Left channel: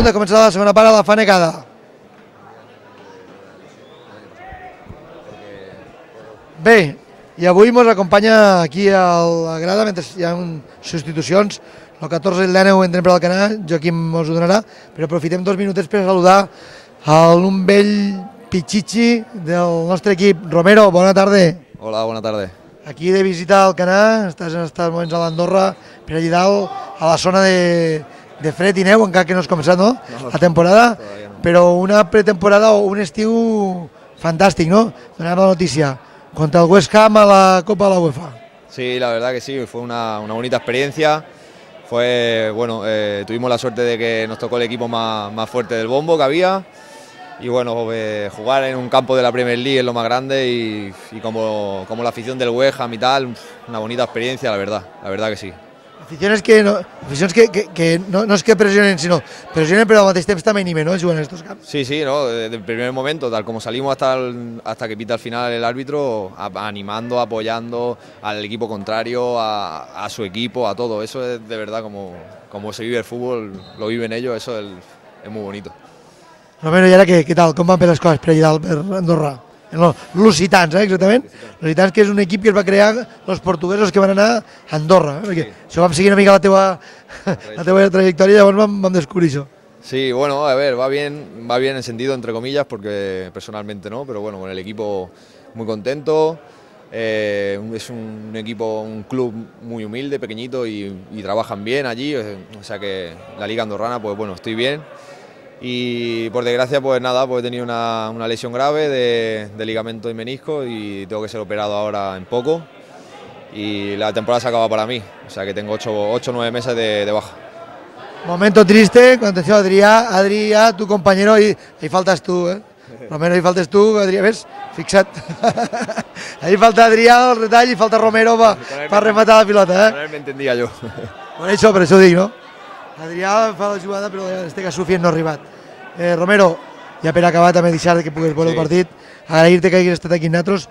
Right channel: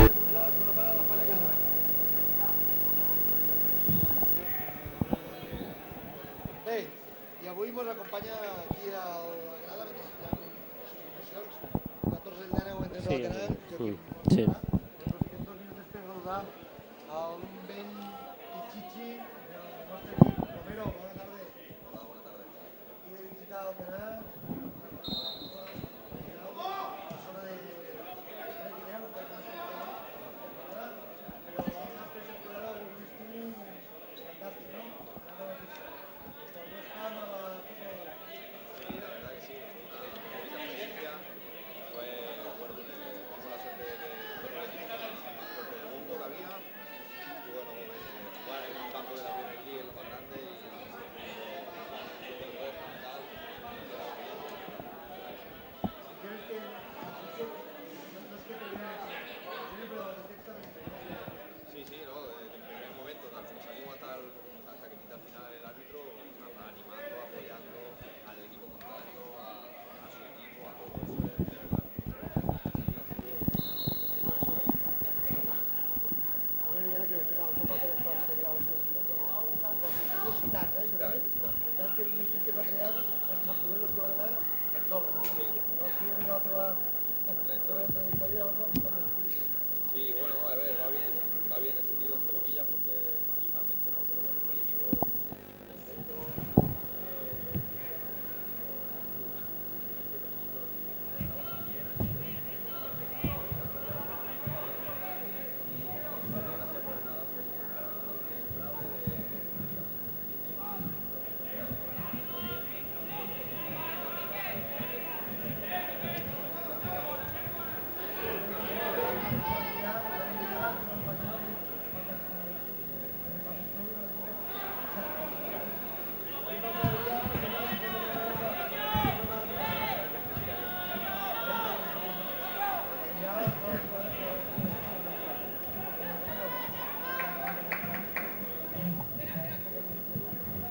punt de començar la segona part a la Fanegada. Bé, i avui ens acompanya aquí a la grada, mentre hi ha substitucions, el 14 i el 19 entren per Alcanar, Joaquim ens ho donarà, però aprofitem 2 minutets per saludar un vell pitxitxi del nostre equip. Romero, bona tarda. Hola, bona tarda. Aquí de visita a Alcanar, estàs en aquests moments a l'Andorra, per allà dalt, a la zona de fred i neu, encara que no has començat, no? La temporada, però una pretemporada o un estiu fantàstic, no? Donem la notícia. Contra el West Ham a la Copa de la UEFA. Sí, la verdad que sí, fue una bonita experiencia. Bueno, tuvimos la suerte de que nos tocó el equipo más fuerte del bombo que había. Y bueno, jugar en un campo de la Premier League es lo más grande y como la afición del West Ham y tal, una bonita experiencia, la verdad que sí. Aficiones que no es que presionen, sino presionen, pero al mateix temps també animen, ¿no? Juguen en estos campos. Sí, ¿no? Desde el primer momento, tal como salimos hasta que pita al final el árbitro, animando, apoyando al equipo contrario, a su equipo, a todo. Eso es de verdad como se vive el fútbol, lo viven ellos, eso es muy bonito. Romero, i ara què tal? Com van per les coses per allà dalt, per Andorra? Lusitans, exactament. Lusitans, que és un equip que es va crear els portuguesos que van anar a Andorra. Perquè això vam seguir una mica la teva trajectòria i llavors vam descobrir això. Sí, bueno, a ver, va bien en sentido, entre comillas, porque personalmente no, pero bueno, con el equipo muy contento. Es un equipo, un club muy humilde, pequeñito y trabajan bien allí, o sea que la liga andorrana, pues bueno, estoy bien. Y por desgracia, pues nada, pues he tenido una lesión grave de ligamento y menisco y tengo que ser operado ahora en poco. Y la temporada se acaba para mí, o sea que tengo 8 o 9 meses de baja. Momento triste, atenció, Adrià, tu compañero, ahí faltas tú, Romero, ahí faltes tu, Adrià, ves? Fixa't. Ahí falta Adrià, el retall, i falta Romero per rematar la pilota, Me entendía yo. Per això ho dic, no? Adrià fa la jugada, però en este cas Sufian no ha arribat. Romero, ja per acabar també deixar que puguis veure el partit, agrair-te que hagis estat aquí amb nosaltres.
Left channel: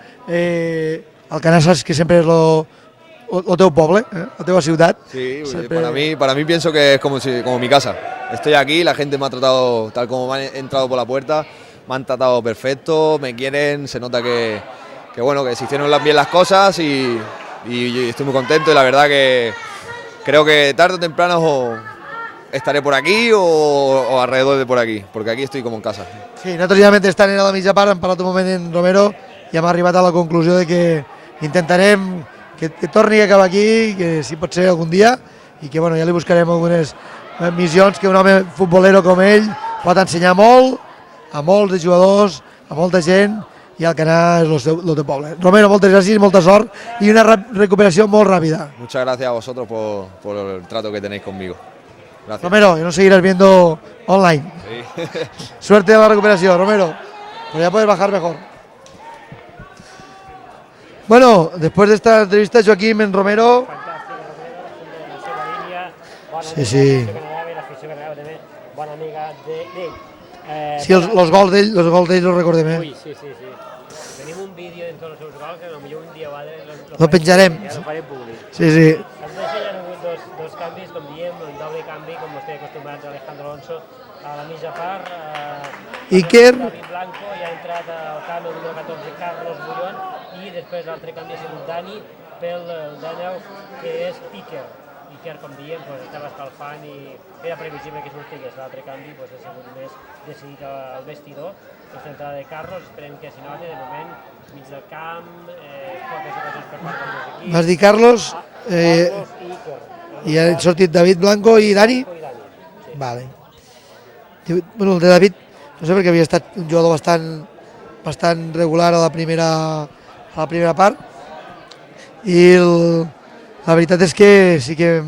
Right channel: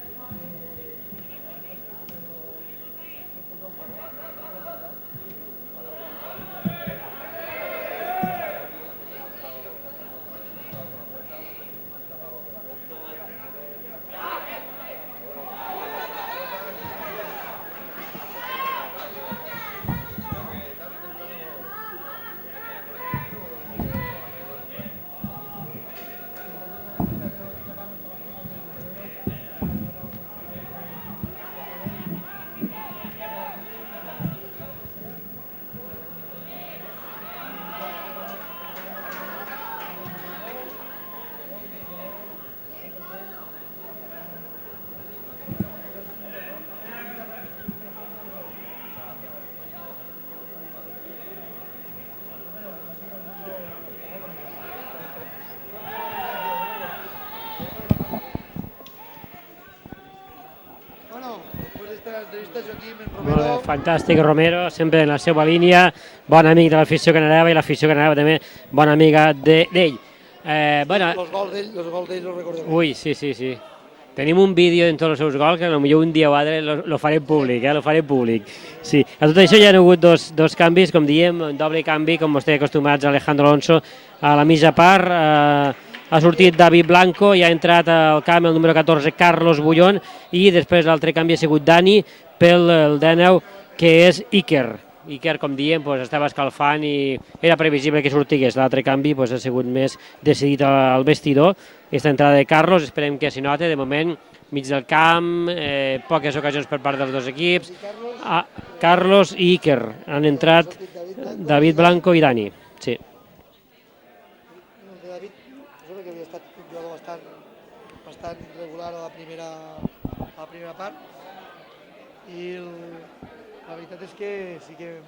Alcanar saps que sempre és el teu poble, la teva ciutat. Sí, para mí pienso que es como mi casa. Estoy aquí, la gente me ha tratado tal como me han entrado por la puerta, me han tratado perfecto, me quieren, se nota que bueno, que se hicieron bien las cosas y estoy muy contento y la verdad que creo que tarde o temprano estaré por aquí o alrededor de por aquí, porque aquí estoy como en casa. Sí, nosaltres ja mentre estan a la mitja part hem parlat un moment en Romero i hem arribat a la conclusió de que intentarem que torni a acabar aquí, que si pot ser algun dia, i que bueno, ja li buscarem algunes missions que un home futbolero com ell pot ensenyar molt a molts de jugadors, a molta gent, i Alcanar és el teu poble. Romero, moltes gràcies, molta sort i una recuperació molt ràpida. Muchas gracias a vosotros por el trato que tenéis conmigo. Gracias. Romero, y nos seguirás viendo online. Sí. Suerte en la recuperación, Romero. Pero ya puedes bajar mejor. Bueno, después de esta entrevista, Joaquim en Romero... Fantàstic, Romero, sempre en la seva línia, bon amic de l'afició canarava i l'afició canarava també bona amiga d'ell. Sí, els gols d'ell els recordem. Ui, sí. Tenim un vídeo en tots els seus gols que potser un dia o altre lo faré públic. Sí. A tot això hi ha hagut dos canvis, com diem, un doble canvi, com vostè acostumats, Alejandro Alonso a la mitja part, ha sortit David Blanco i ha entrat al camp el número 14, Carlos Bullón, i després l'altre canvi ha sigut Dani pel 19, que és Iker. Iker, com diem, estava escalfant i era previsible que sortigués. L'altre canvi ha sigut més decidit al vestidor. Aquesta entrada de Carlos, esperem que s'hi noti, de moment, mig del camp, poques ocasions per part dels dos equips. Has dit Carlos? Carlos i Iker. I han sortit David Blanco i Dani? Sí. Vale. Bueno, el de David, no sé perquè havia estat un jugador bastant regular a la primera part, i la veritat és que sí que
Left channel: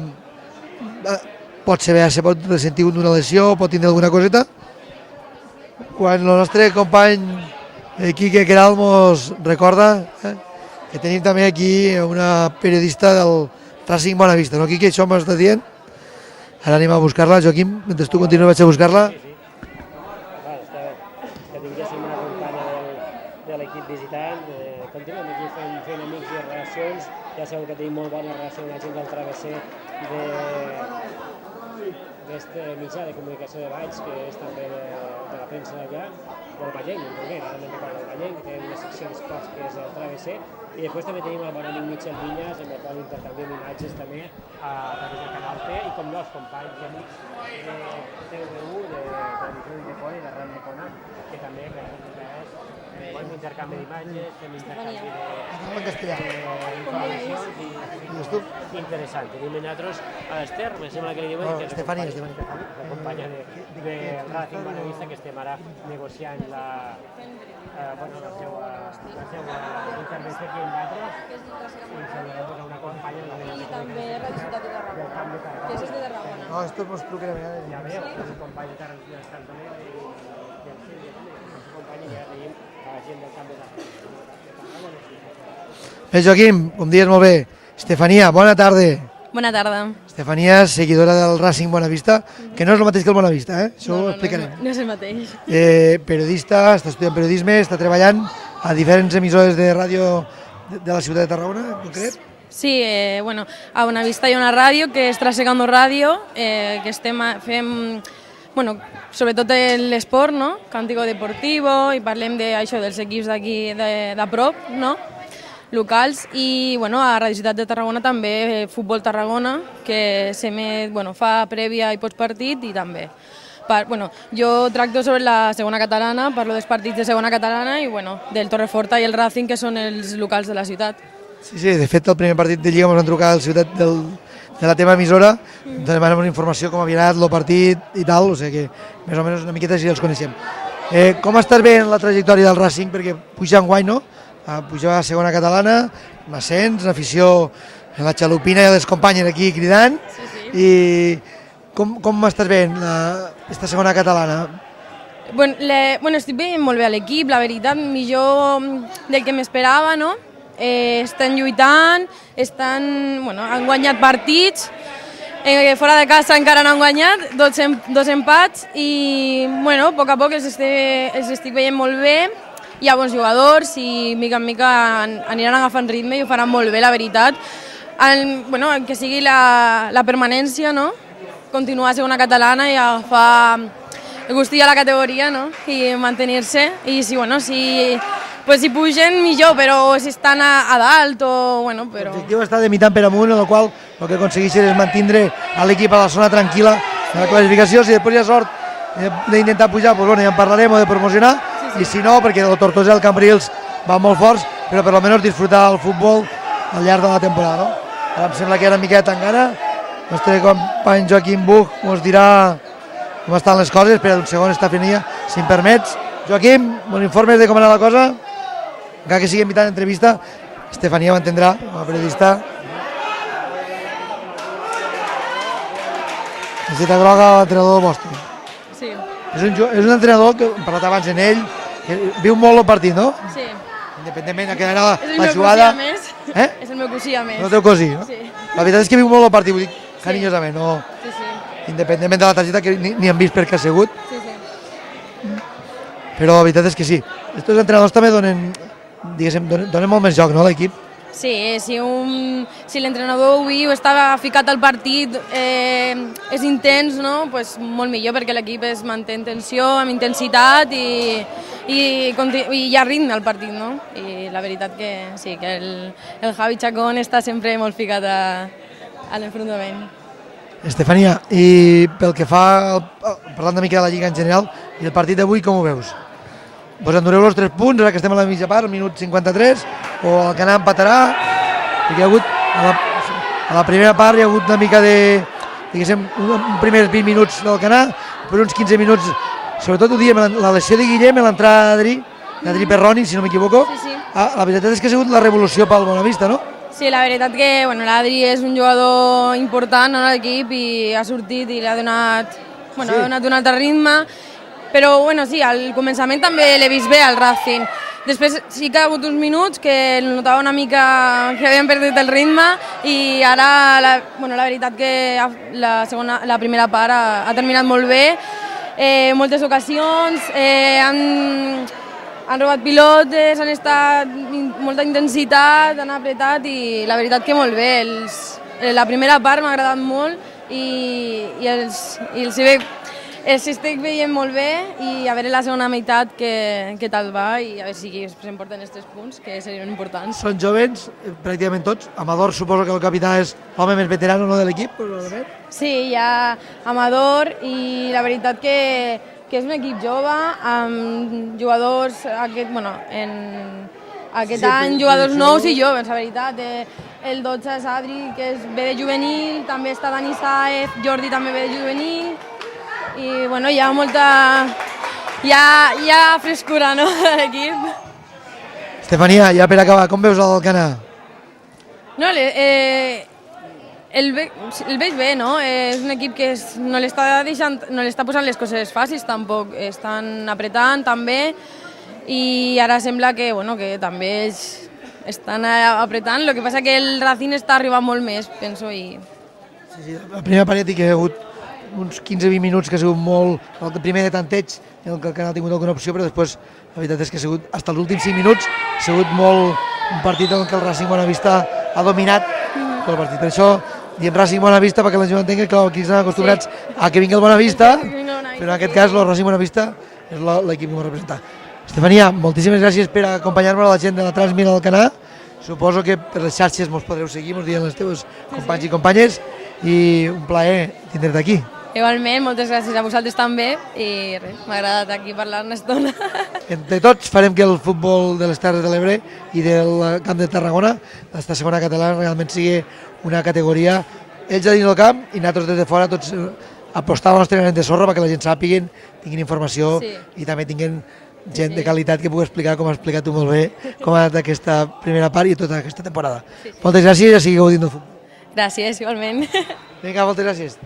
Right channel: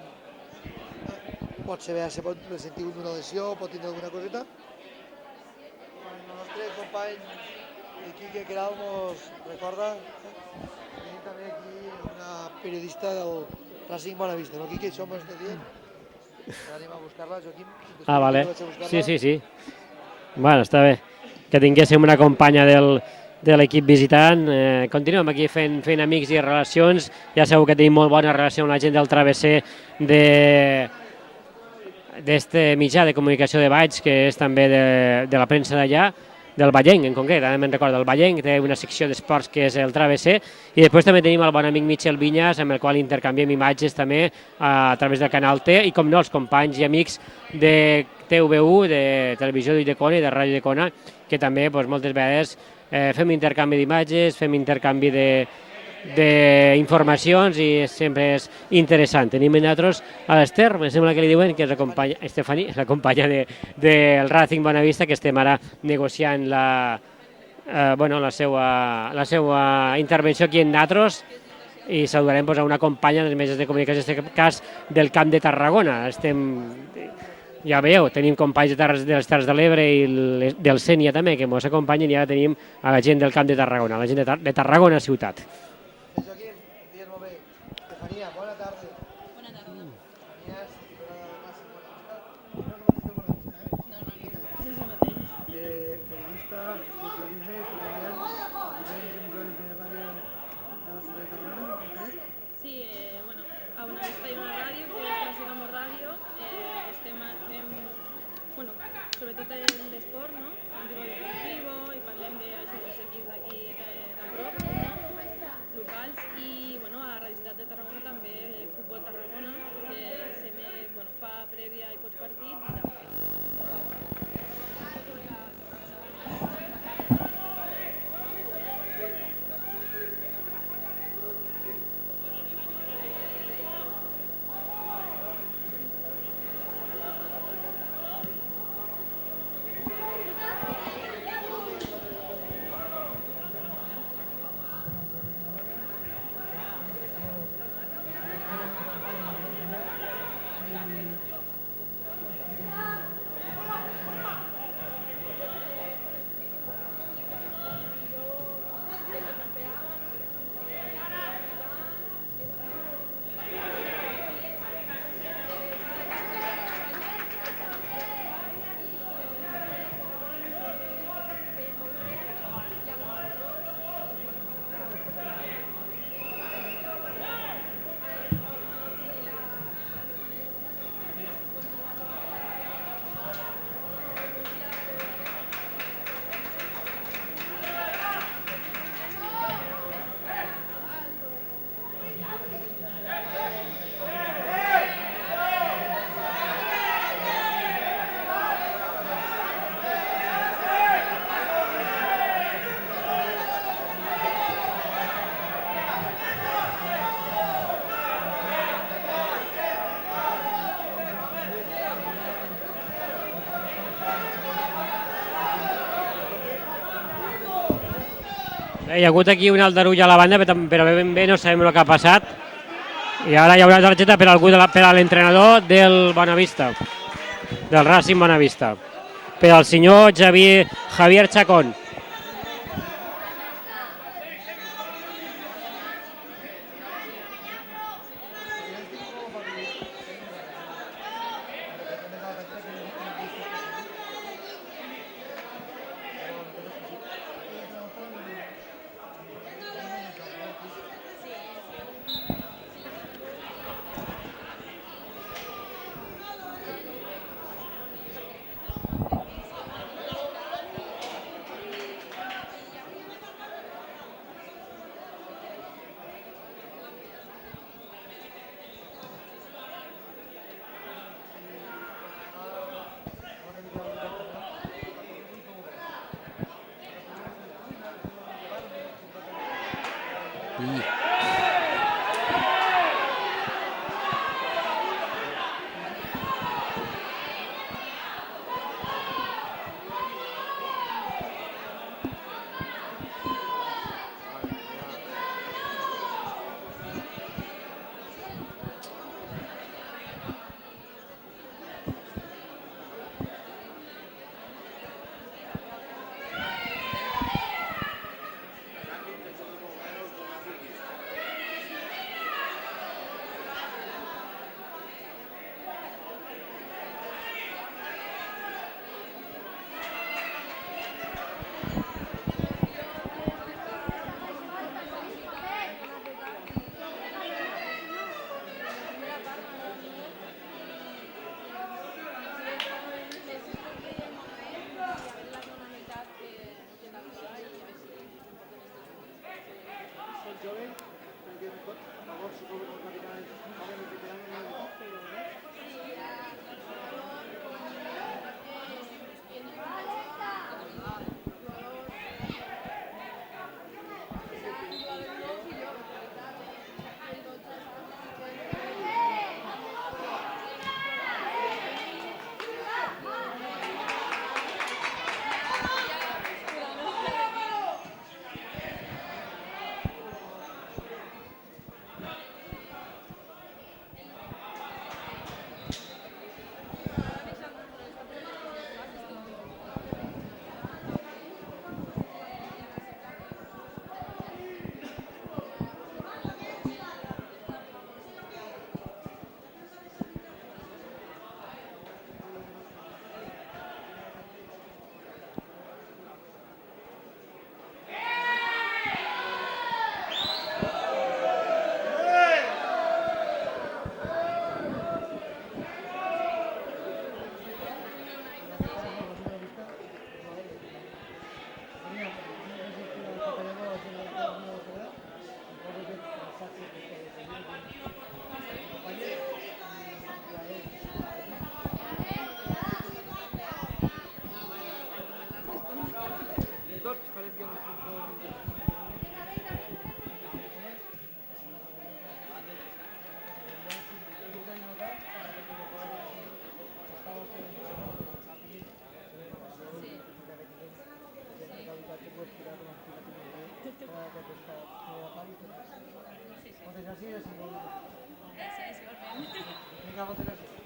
pot pot ressentir d'una lesió, pot tindre alguna coseta. Quan el nostre company Quique Queralt mos recorda que tenim també aquí una periodista del Racing Bonavista, no, Quique? Això m'ho està dient? Ara anem a buscar-la, Joaquim, mentre tu continues a buscar-la. Sí. Bueno, està bé que tinguéssim una companya de l'equip visitant. Continuem aquí fent amics i relacions. Ja sabeu que tenim molt bona relació amb la gent del travesser d'aquest mitjà de comunicació de Valls, que és també de la premsa d'allà, del Vallenc en concret, ara me'n recordo, el Vallenc té una secció d'esports que és el Travesser, i després també tenim el bon amic Michel Vinyas, amb el qual intercanviem imatges també a través del Canal T, i com no, els companys i amics de TVU, de Televisió d'Ulldecona i de Ràdio Ulldecona, que també moltes vegades fem intercanvi d'imatges, fem intercanvi d'informacions i sempre és interessant. Tenim nosaltres a l'Ester, em sembla que li diuen, que és la companya del Racing Bonavista, que estem ara negociant la seva intervenció aquí en nosaltres, i saludarem a una companya dels mitjans de comunicació, en aquest cas del Camp de Tarragona. Ja veieu, tenim companys de les Terres de l'Ebre i del Sénia també, que ens acompanyen, i ara tenim a la gent del Camp de Tarragona, la gent de Tarragona ciutat. Bé, Joaquim, com dius molt bé. Estefania, bona tarda. Bona tarda. Estefania, seguidora del Racing Bonavista, que no és el mateix que el Bonavista, això ho explicarem. No és el mateix. Periodista, està estudiant periodisme, està treballant a diferents emissores de ràdio de la ciutat de Tarragona, en concret. Sí, a Bonavista hi ha una ràdio que és Trasegando Ràdio, que fem, sobretot l'esport, no? Cántico Deportivo, i parlem d'això dels equips d'aquí de prop, no? Locals, i a Radio Ciutat de Tarragona també Futbol Tarragona, que fa prèvia i postpartit, i també. Jo tracto sobre la segona catalana, parlo dels partits de segona catalana i del Torreforta i el Racing, que són els locals de la ciutat. Sí, de fet, el primer partit de Lliga ens van trucar al ciutat de la teva emissora, ens demanem una informació com havia anat el partit i tal, o sigui que més o menys una miqueta així els coneixem. Com estàs veient la trajectòria del Racing? Perquè puja enguany, no? Puja a segona catalana, amb ascens, afició, la xalupina i les companyes aquí cridant, i com estàs veient aquesta segona catalana? Estic veient molt bé a l'equip, la veritat, millor del que m'esperava, no? Estan lluitant, han guanyat partits, fora de casa encara no han guanyat, dos empats, i a poc els estic veient molt bé. Hi ha bons jugadors i mica en mica aniran agafant ritme i ho faran molt bé, la veritat. Que sigui la permanència, no? Continuar a segona catalana i agafar el gustillo a la categoria, no? I mantenir-se. I si pugen, millor, però si estan a dalt o... L'objectiu està de mitant per amunt, en el qual el que aconsegueixen és mantindre l'equip a la zona tranquil·la de la classificació. Si després hi ha sort d'intentar pujar, ja en parlarem, o de promocionar, i si no, perquè el Tortosa i el Cambrils van molt forts, però per almenys disfrutar el futbol al llarg de la temporada. Ara em sembla que era una miqueta encara. El nostre company Joaquim Buch ens dirà com estan les coses, però un segon, Estefania, si em permets. Joaquim, bon informes de com ha anat la cosa? Hi ha hagut aquí un aldarull a la banda, però no sabem el que ha passat. I ara hi haurà targeta per a l'entrenador del Bonavista. Targeta groga a l'entrenador del Racing Bonavista. Per al senyor Javier Chacón. Viu molt el partit, no? Sí. Independentment de que era la jugada... És el meu cosí a més. El teu cosí, no? Sí. La veritat és que viu molt el partit, vull dir, carinyosament, no? Independentment de la targeta, que ni han vist per què ha sigut. Però la veritat és que sí. Estos entrenadors també donen molt més joc, no, a l'equip? Sí, si l'entrenador ho viu, està ficat al partit, és intens, no? Pues molt millor, perquè l'equip es manté en tensió, amb intensitat i hi ha ritme al partit, no? I la veritat que sí, que el Javi Chacón està sempre molt ficat a l'enfrontament. Estefania, i pel que fa, parlant una mica de la Lliga en general, i el partit d'avui com ho veus? Vos endureu els 3 punts, ara que estem a la mitja part, al minut 53, o el Canà empatarà? Perquè hi ha hagut, a la primera part hi ha hagut una mica de, diguéssim, uns primers 20 minuts del Canà, per uns 15 minuts, sobretot ho diem, la lesió de Guillem, l'entrada d'Adri Perroni, si no m'equivoco. La veritat és que ha sigut la revolució pel Bonavista, no? Sí, la veritat que l'Adri és un jugador important a l'equip i ha sortit i li ha donat un altre ritme. Però sí, al començament també l'he vist bé al Racing. Després sí que ha hagut uns minuts que notava una mica que havien perdut el ritme i ara la veritat que la primera part ha terminat molt bé. Moltes ocasions, han robat pilotes, han estat molta intensitat, han apretat i la veritat que molt bé. La primera part m'ha agradat molt i els estic veient molt bé i a veure la segona meitat què tal va i a veure si s'emporten els 3 punts, que serien importants. Són jovens, pràcticament tots. Amador suposo que el capità és l'home més veterano de l'equip. Sí, hi ha Amador i la veritat que és un equip jove amb jugadors aquest any, jugadors nous i joves, la veritat. El 12 és Adri, que ve de juvenil, també està Dani Saez, Jordi també ve de juvenil, i bueno, hi ha molta... hi ha frescura, no?, a l'equip. Estefania, ja per acabar, com veus l'Alcanar? No, el veig bé, no? És un equip que no l'està posant les coses fàcils tampoc, estan apretant també, i ara sembla que també ells estan apretant, el que passa que el Racing està arribant molt més, penso. Sí, la primera part ja ha hagut uns 15-20 minuts que ha sigut molt... El primer de tanteig, en què el Canal ha tingut alguna opció, però després la veritat és que ha sigut, fins als últims 5 minuts, ha sigut molt un partit en què el Racing Bonavista ha dominat tot el partit. Per això diem Racing Bonavista, perquè la gent entengui que aquí estan acostumbrats a que vingui el Bonavista, però en aquest cas el Racing Bonavista és l'equip que ens representa. Estefania, moltíssimes gràcies per acompanyar-nos a la gent de la Transmira del Canà. Suposo que per les xarxes ens podreu seguir, ens diuen els teus companys i companyes, i un plaer tindre-te aquí. Igualment, moltes gràcies a vosaltres també, i res, m'ha agradat aquí parlar una estona. Entre tots farem que el futbol de les Terres de l'Ebre i del Camp de Tarragona, l'esta segona catalana, realment sigui una categoria, ells a dins del camp i nosaltres des de fora, tots apostant al nostre granet de sorra perquè la gent sàpiguen, tinguin informació i també tinguin gent de qualitat que pugui explicar, com has explicat tu molt bé, com ha anat aquesta primera part i tota aquesta temporada. Moltes gràcies i a seguir gaudint del futbol. Gràcies, igualment. Vinga, moltes gràcies.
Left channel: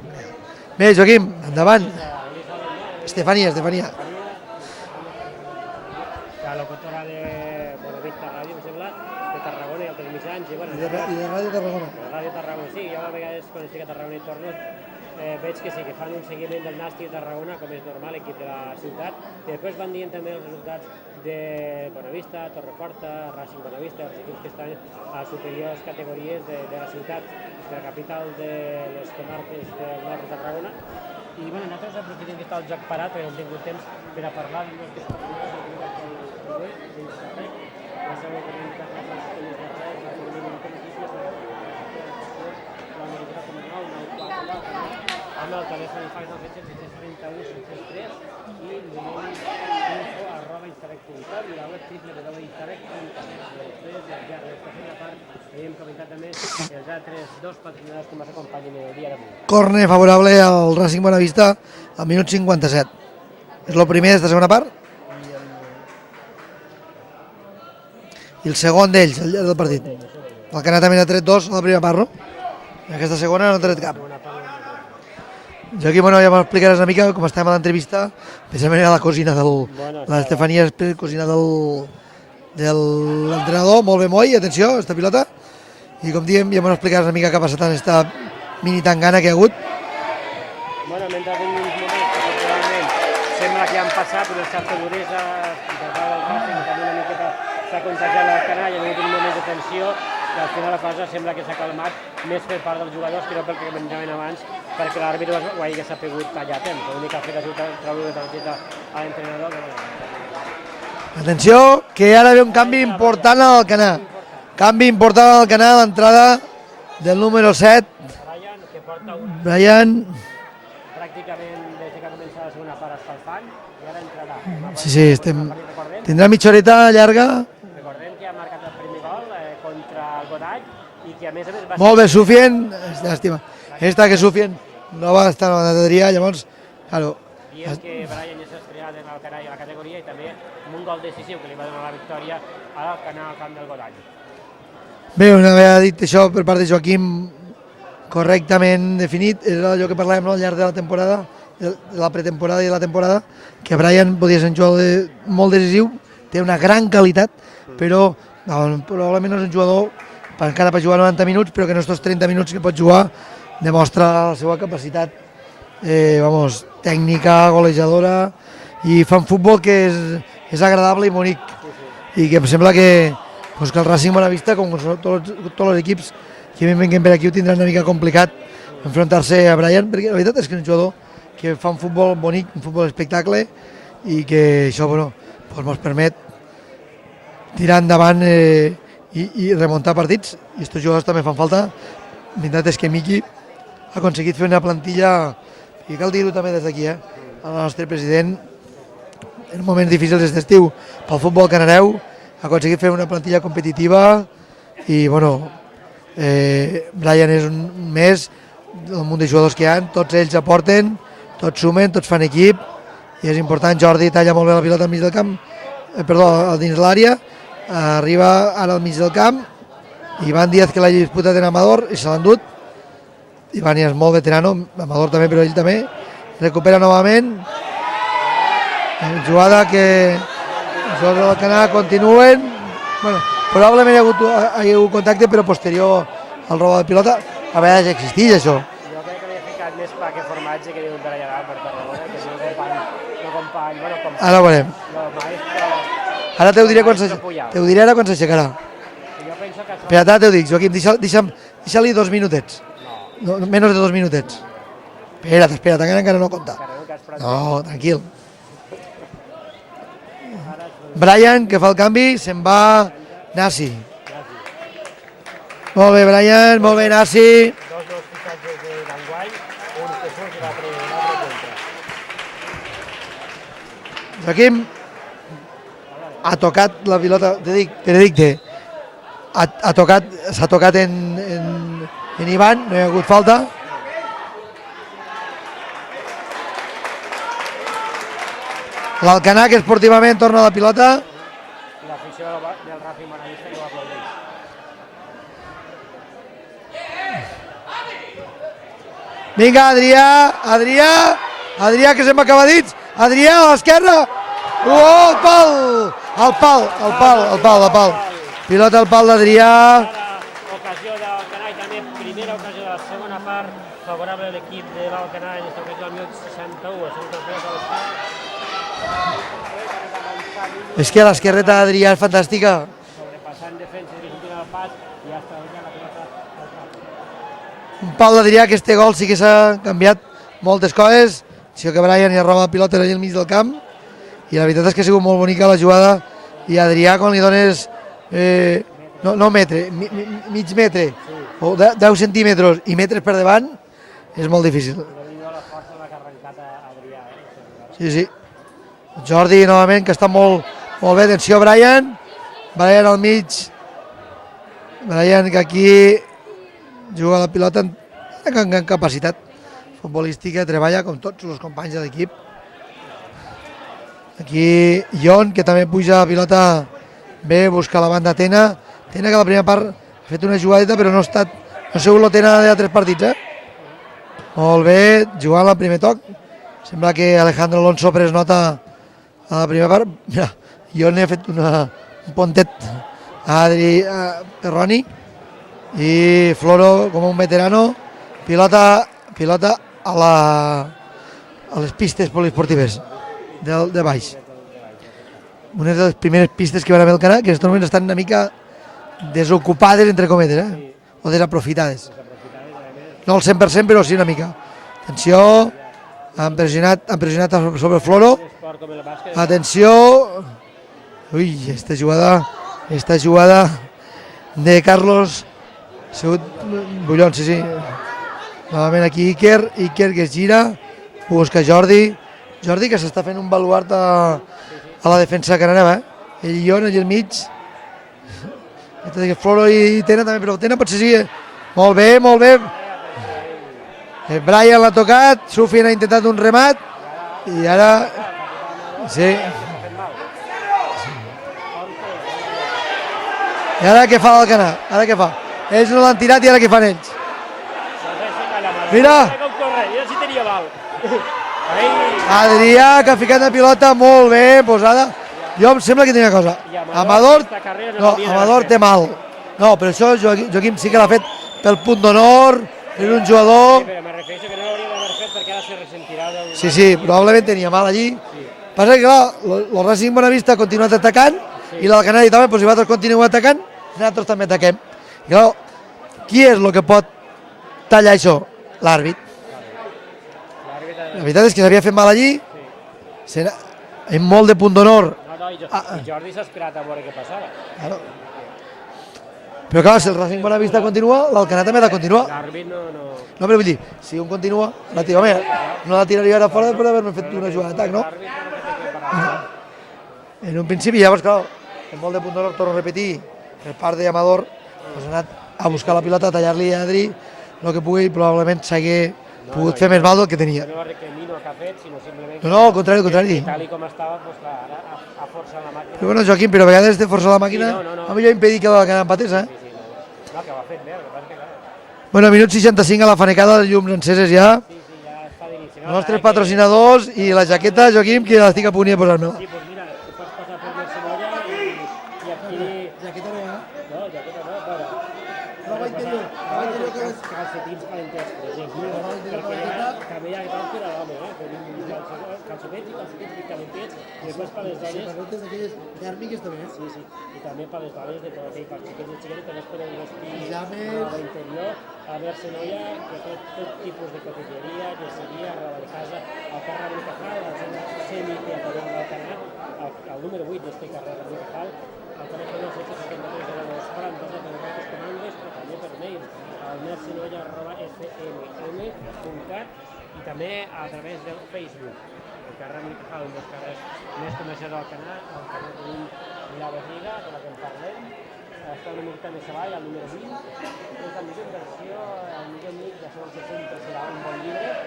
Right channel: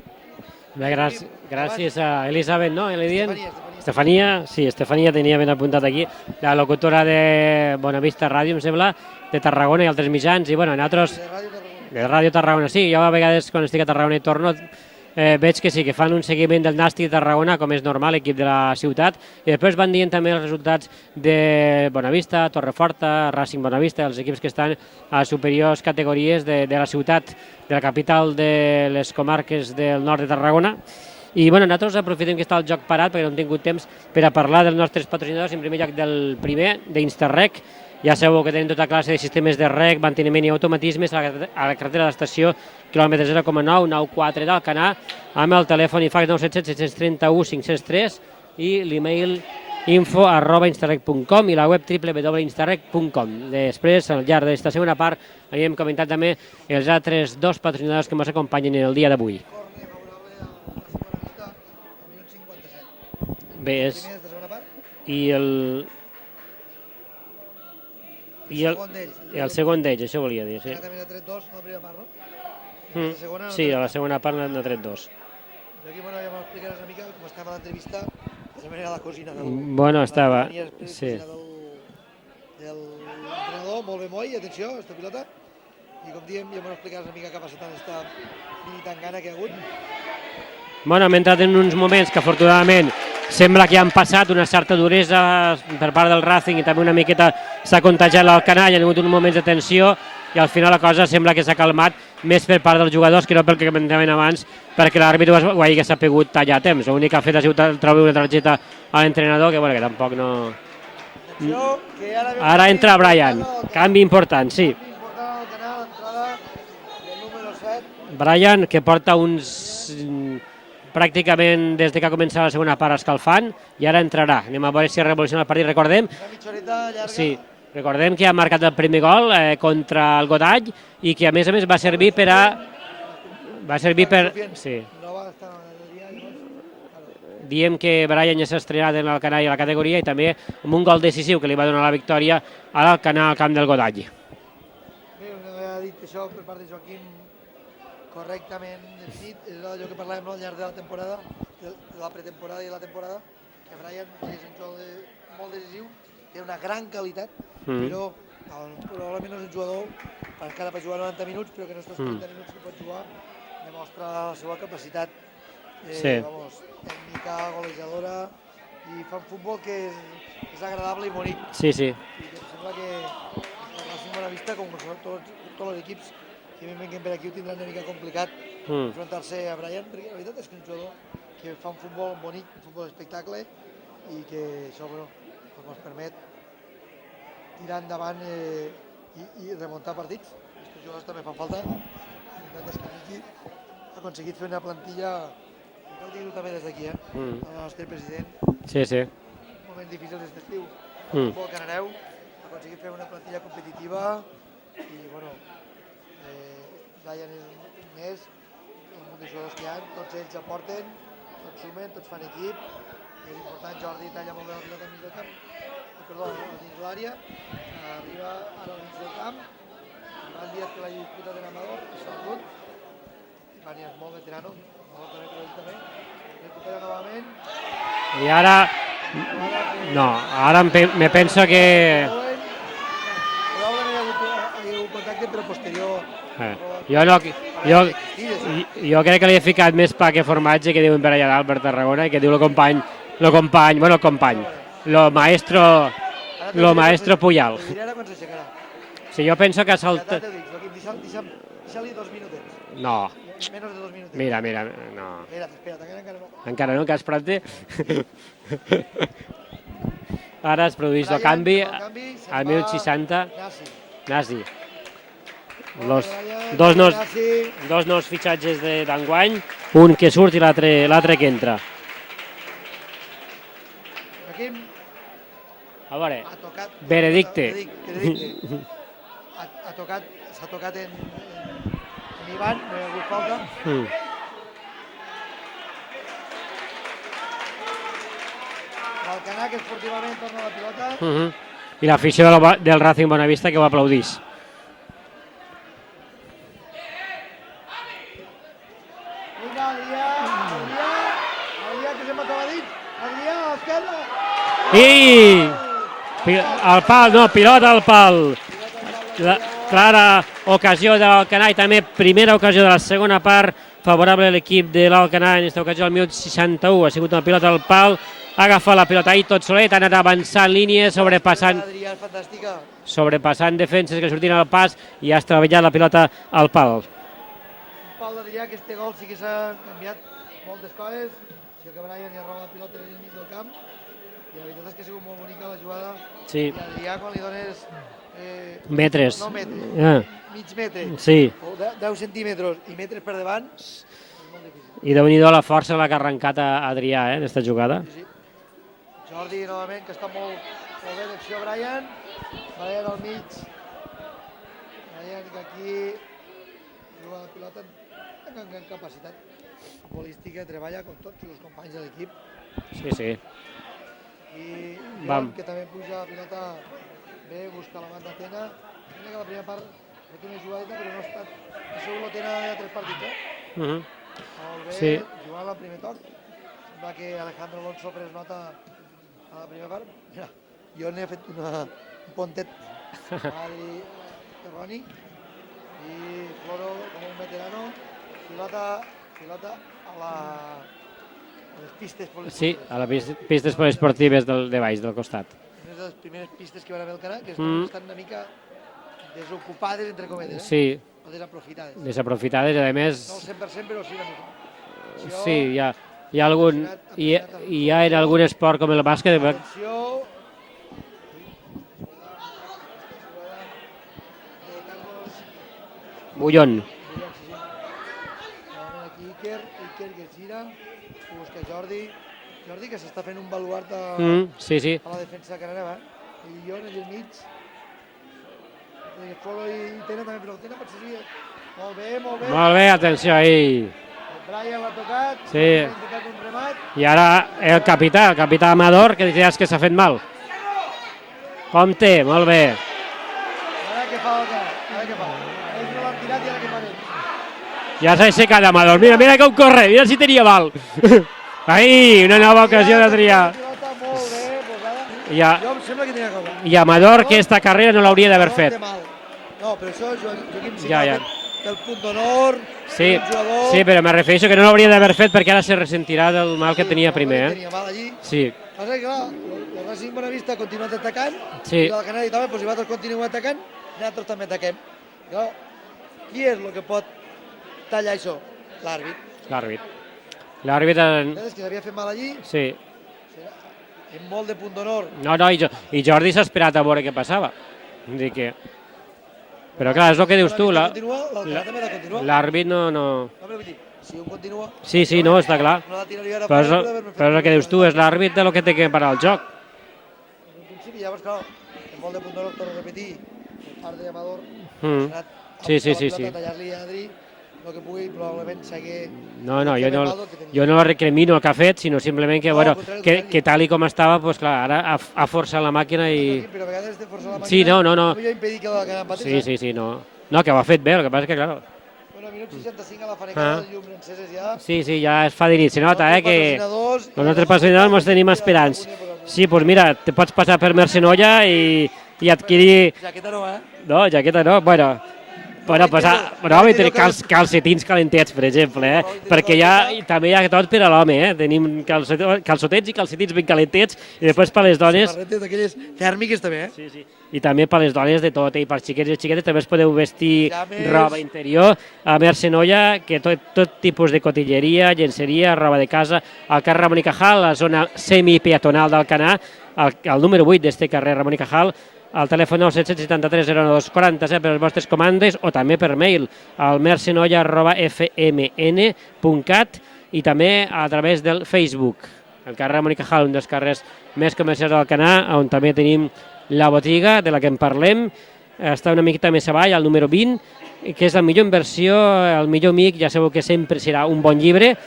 Bé, Joaquim, endavant. Gràcies a Elisabet, no? Estefania tenia ben apuntat aquí, la locutora de Bonavista Ràdio, em sembla, de Tarragona i altres mitjans, i bueno, nosaltres... De Ràdio Tarragona. De Ràdio Tarragona, sí, jo a vegades quan estic a Tarragona i torno veig que sí, que fan un seguiment del Nàstic de Tarragona, com és normal, equip de la ciutat, i després van dient també els resultats de Bonavista, Torreforta, Racing Bonavista, els equips que estan a superiors categories de la ciutat, de la capital de les comarques del nord de Tarragona. I bueno, nosaltres aprofitem que està el joc parat, perquè no hem tingut temps per a parlar dels nostres patrocinadors, en primer lloc del primer, d'Instarrec. Ja sabeu que tenen tota classe de sistemes de rec, manteniment i automatismes a la carretera de l'estació quilòmetre 0,9, 94 d'Alcanar, amb el telèfon i fax 977 731 503 i l'email info@instarrec.com i la web www.instarrec.com. Després, al llarg d'aquesta segona part, hem comentat també els altres 2 patrocinadors que ens acompanyen el dia d'avui. Corner favorable al Racing Bonavista al minut 57. És el primer d'esta segona part? I el segon d'ells, el segon d'ells, això volia dir. El Canà també n'ha tret 2 a la primera part, no? Aquesta segona no ha tret cap. Sí, la segona part n'ha tret 2. Joaquim, bueno, ja m'explicaràs una mica com estàvem a l'entrevista, precisament era la cosina l'Estefania és cosina de l'entrenador, molt bé Moi, atenció, esta pilota, i com diem, ja m'explicaràs una mica què ha passat en esta mini tangana que hi ha hagut. Bueno, hem entrat en uns moments que afortunadament sembla que han passat una certa duresa per part del Racing i també una miqueta s'ha contagiat l'Alcanar, hi ha hagut uns moments de tensió i al final la cosa sembla que s'ha calmat més per part dels jugadors que no pel que comentaven abans, perquè l'àrbitre ho hagi sapigut tallar a temps. L'únic que ha fet ha sigut treure una targeta a l'entrenador, que tampoc no... Atenció, que ara ve un canvi important al Alcanar. Canvi important, sí. Canvi important al Alcanar, l'entrada del número 7. Brian, que porta uns... pràcticament des que ha començat la segona part escalfant, i ara entrarà. Anem a veure si revoluciona el partit, recordem. Tindrà mitja horeta llarga. Sí. Recordem que ha marcat el primer gol contra el Godall i que a més va servir per a... Molt bé, Sufien, llàstima. Esta que Sufien no va estar a la bateria, llavors, claro. Diem que Brian ja s'ha estrenat en l'Alcanar i a la categoria i també amb un gol decisiu que li va donar la victòria a l'Alcanar al camp del Godall. Bé, una vegada dit això per part de Joaquim, correctament definit, era allò que parlàvem al llarg de la temporada, de la pretemporada i de la temporada, que Brian podia ser un jugador molt decisiu, té una gran qualitat, però probablement no és un jugador encara per jugar 90 minuts, però que en aquests 30 minuts que pot jugar demostra la seva capacitat tècnica, golejadora, i fa un futbol que és agradable i bonic. Sí, sí. I que em sembla que el Racing Bonavista, com tots els equips que venguen per aquí, ho tindran una mica complicat enfrontar-se a Brian, perquè la veritat és que és un jugador que fa un futbol bonic, un futbol espectacle, i que això ens permet tirar endavant i remuntar partits, i aquests jugadors també fan falta. La veritat és que Miqui ha aconseguit fer una plantilla, i cal dir-ho també des d'aquí, el nostre president, en moments difícils d'estiu pel futbol canareu, ha aconseguit fer una plantilla competitiva i, Brian és un més del munt de jugadors que hi ha, tots ells aporten, tots sumen, tots fan equip i és important. Jordi talla molt bé la pilota al mig del camp, dins l'àrea, arriba ara al mig del camp, Ivan Díaz que l'ha disputat en Amador i se l'ha endut. Ivan és molt veterano, Amador també, però ell també. Recupera novament. I ara... Jugada que... No, ara me penso que... Continuen. Probablement hi ha hagut contacte, però posterior al robo de pilota. A veure, existeix això. Jo crec que li he ficat més pa que formatge que diuen per allà dalt, per Tarragona, i que diu el company, Ara ho veurem. El maestro Puyal. Te ho diré ara quan s'aixecarà. Sí, jo penso que... Espera, t'ho dic, Joaquim, deixa-li 2 minutets. No. Menys de 2 minutets. Mira, no. Espera't, encara no compta. Encara no, que has prat bé. No, tranquil. Ara es produeix Brian, el canvi. Que fa el canvi, se'n va Nasi. Molt bé, Brian, molt bé, Nasi. Dos nous fitxatges d'enguany, un que surt i l'altre que entra. Joaquim ha tocat la pilota, Benedicte. S'ha tocat en Ivan, no hi ha hagut falta. L'Alcanar, que esportivament torna a la pilota. I l'afició del Racing Bonavista que ho aplaudís. Vinga, Adrià, que se'm acaba dits. Adrià, a l'esquerra. Al pal. Pilota al pal d'Adrià. Clara ocasió de l'Alcanar i també primera ocasió de la segona part favorable a l'equip de l'Alcanar. En aquesta ocasió al minut 61 ha sigut una pilota al pal. Ha agafat la pilota ahir tot solet, ha anat avançant línies. És que l'esquerreta d'Adrià és fantàstica. Sobrepassant defenses que sortien al pas i has treballat la pilota al pal. Un pal d'Adrià, que este gol sí que s'ha canviat moltes coses. Si que Brian hi roba la pilota allà al mig del camp. I la veritat és que ha sigut molt bonica la jugada. I Adrià, quan li dones... metres. No metre, mig metre. O 10 centímetres i metres per davant, és molt difícil. I déu-n'hi-do la força la que ha arrencat a Adrià, en aquesta jugada. Sí. Jordi, novament, que està molt bé. Atenció, Brian. Brian al mig. Brian, que aquí juga la pilota amb gran capacitat futbolística, treballa com tots els companys de l'equip. Sí. Aquí Ion, que també puja la pilota bé, busca la banda Tena. Tena, que la primera part ha fet una jugadeta, però no ha sigut la Tena d'altres partits, Molt bé, jugant al primer toc. Sembla que Alejandro Alonso pres nota a la primera part. Mira, Ion ha fet un pontet a Adri Perroni. I Floro, com un veterano, pilota a les pistes poliesportives. Sí, a les pistes poliesportives de baix, del costat. Una de les primeres pistes que van haver al Canà, que en aquests moments estan una mica desocupades, entre cometes, Sí. O desaprofitades. Desaprofitades, a més... No al 100%, però sí una mica. Atenció, han pressionat sobre el Floro. Algun esport com el bàsquet. Atenció. Ui, esta jugada de Carlos Bullón, sí. Novament aquí Iker que es gira, busca Jordi, que s'està fent un baluart a la defensa canareva, el Ion allà al mig. Floro i Tena també, però Tena potser sí. Molt bé. Molt bé, atenció ahí. Brian l'ha tocat, Sufin ha intentat un remat. I ara el capità Amador, que és que s'ha fet mal. Compte, molt bé. I ara què fa l'Alcanar? Ara què fa? Ells no l'han tirat i ara què fan ells? Ja s'ha aixecat Amador. Mira com corre, mira si tenia mal. Ai, una nova ocasió d'Adrià. Que ha ficat la pilota molt bé posada. Jo em sembla que tenia cosa. I Amador, aquesta carrera no l'hauria d'haver fet. Amador té mal. No, però això Joaquim sí que l'ha fet pel punt d'honor, és un jugador... Sí, però me refereixo que no l'hauria d'haver fet perquè ara se ressentirà del mal que tenia primer. Sí, probablement tenia mal allí. Passa que, clar, el Racing Bonavista ha continuat atacant i l'Alcanar també, si vosaltres continueu atacant, nosaltres també ataquem. I clar, qui és el que pot tallar això? L'àrbit. L'àrbit... La veritat és que s'havia fet mal allí, Sí. amb molt de punt d'honor. No, i Jordi s'ha esperat a veure què passava. Claro. Vull dir que Però clar, clar, si és el que dius la tu, vista continua, l'Alcanar també ha de continuar. l'àrbit no... No, però vull dir, si un continua... Sí, no, està clar. No la tiraria ara fora per haver-me fet... Però és el que dius tu, és l'àrbit de lo que té que parar el joc. En un principi, llavors, clar, amb molt de punt d'honor, torno a repetir, per part d'Amador, ha anat a buscar la pilota, a tallar-li a Adri, el que pugui, probablement s'hagué pogut fer més mal del que tenia. Jo no recrimino el que ha fet, sinó simplement que, No, al contrari, al contrari. que tal i com estava, doncs clar, ara ha forçat la màquina. Però bueno, Joaquim, però a vegades de forçar la màquina, Sí, no. a millor impedir que l'Alcanar empatés, Sí, no, que ho ha fet bé, el que passa és que, clar... Bueno, minut 65 a la fanecada, les llums enceses ja. Sí, ja es fa dir, se Els nota, nostres que... patrocinadors i la jaqueta, Joaquim, que l'estic a punt de posar, no? Sí, doncs mira, te pots passar per Mercenolla i adquirir... Jaqueta no, No, jaqueta no, bueno, tenir calcetins calentets, per exemple, perquè també hi ha tot per a l'home, tenim calçotets i calcetins ben calentets, i després per a les dones... Samarretes d'aquelles tèrmiques també, Sí. I també per a les dones de tot, i per xiquets i xiquetes també es podeu vestir roba interior a Mercenolla, que tot tipus de cotilleria, llenceria, roba de casa, al carrer Ramon i Cajal, la zona semipeatonal d'Alcanar, al número 8 d'este carrer Ramon i Cajal, al telèfon 973 02 47 per les vostres comandes o també per mail al mercenolla@fmn.cat i també a través del Facebook. El carrer Ramon i Cajal, un dels carrers més comercials d'Alcanar, on també tenim la botiga de la que en parlem, està una miqueta més avall, al número 20, que és la millor inversió, el millor amic, ja sabeu que sempre serà un bon llibre,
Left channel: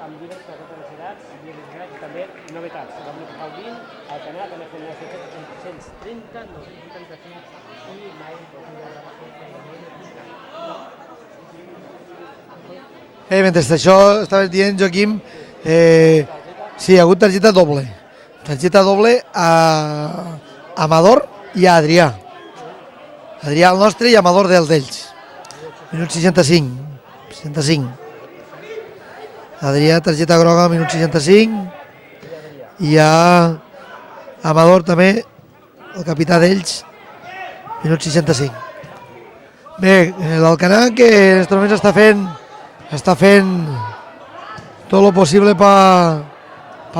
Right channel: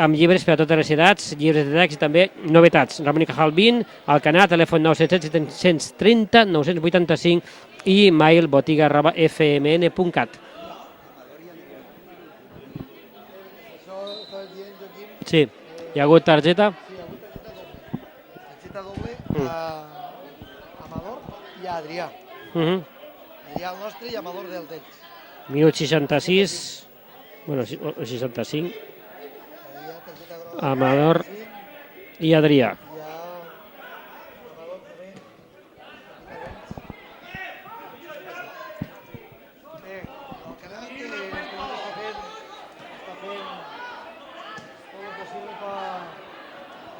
amb llibres per a totes les edats, llibres de text i també novetats. Ramon i Cajal 20, Alcanar, telèfon 977 730 985 i mail botiga@fmn.cat. Mentre això estaves dient, Joaquim... Sí, hi ha hagut targeta? Sí, hi ha hagut targeta doble. Targeta doble a Amador i a Adrià. Adrià el nostre i Amador d'ells. Minut 65. 65. Adrià, targeta groga, minut 65. I Adrià. I a Amador també, el capità d'ells, minut 65. Bé, l'Alcanar que en aquests moments està fent tot el possible per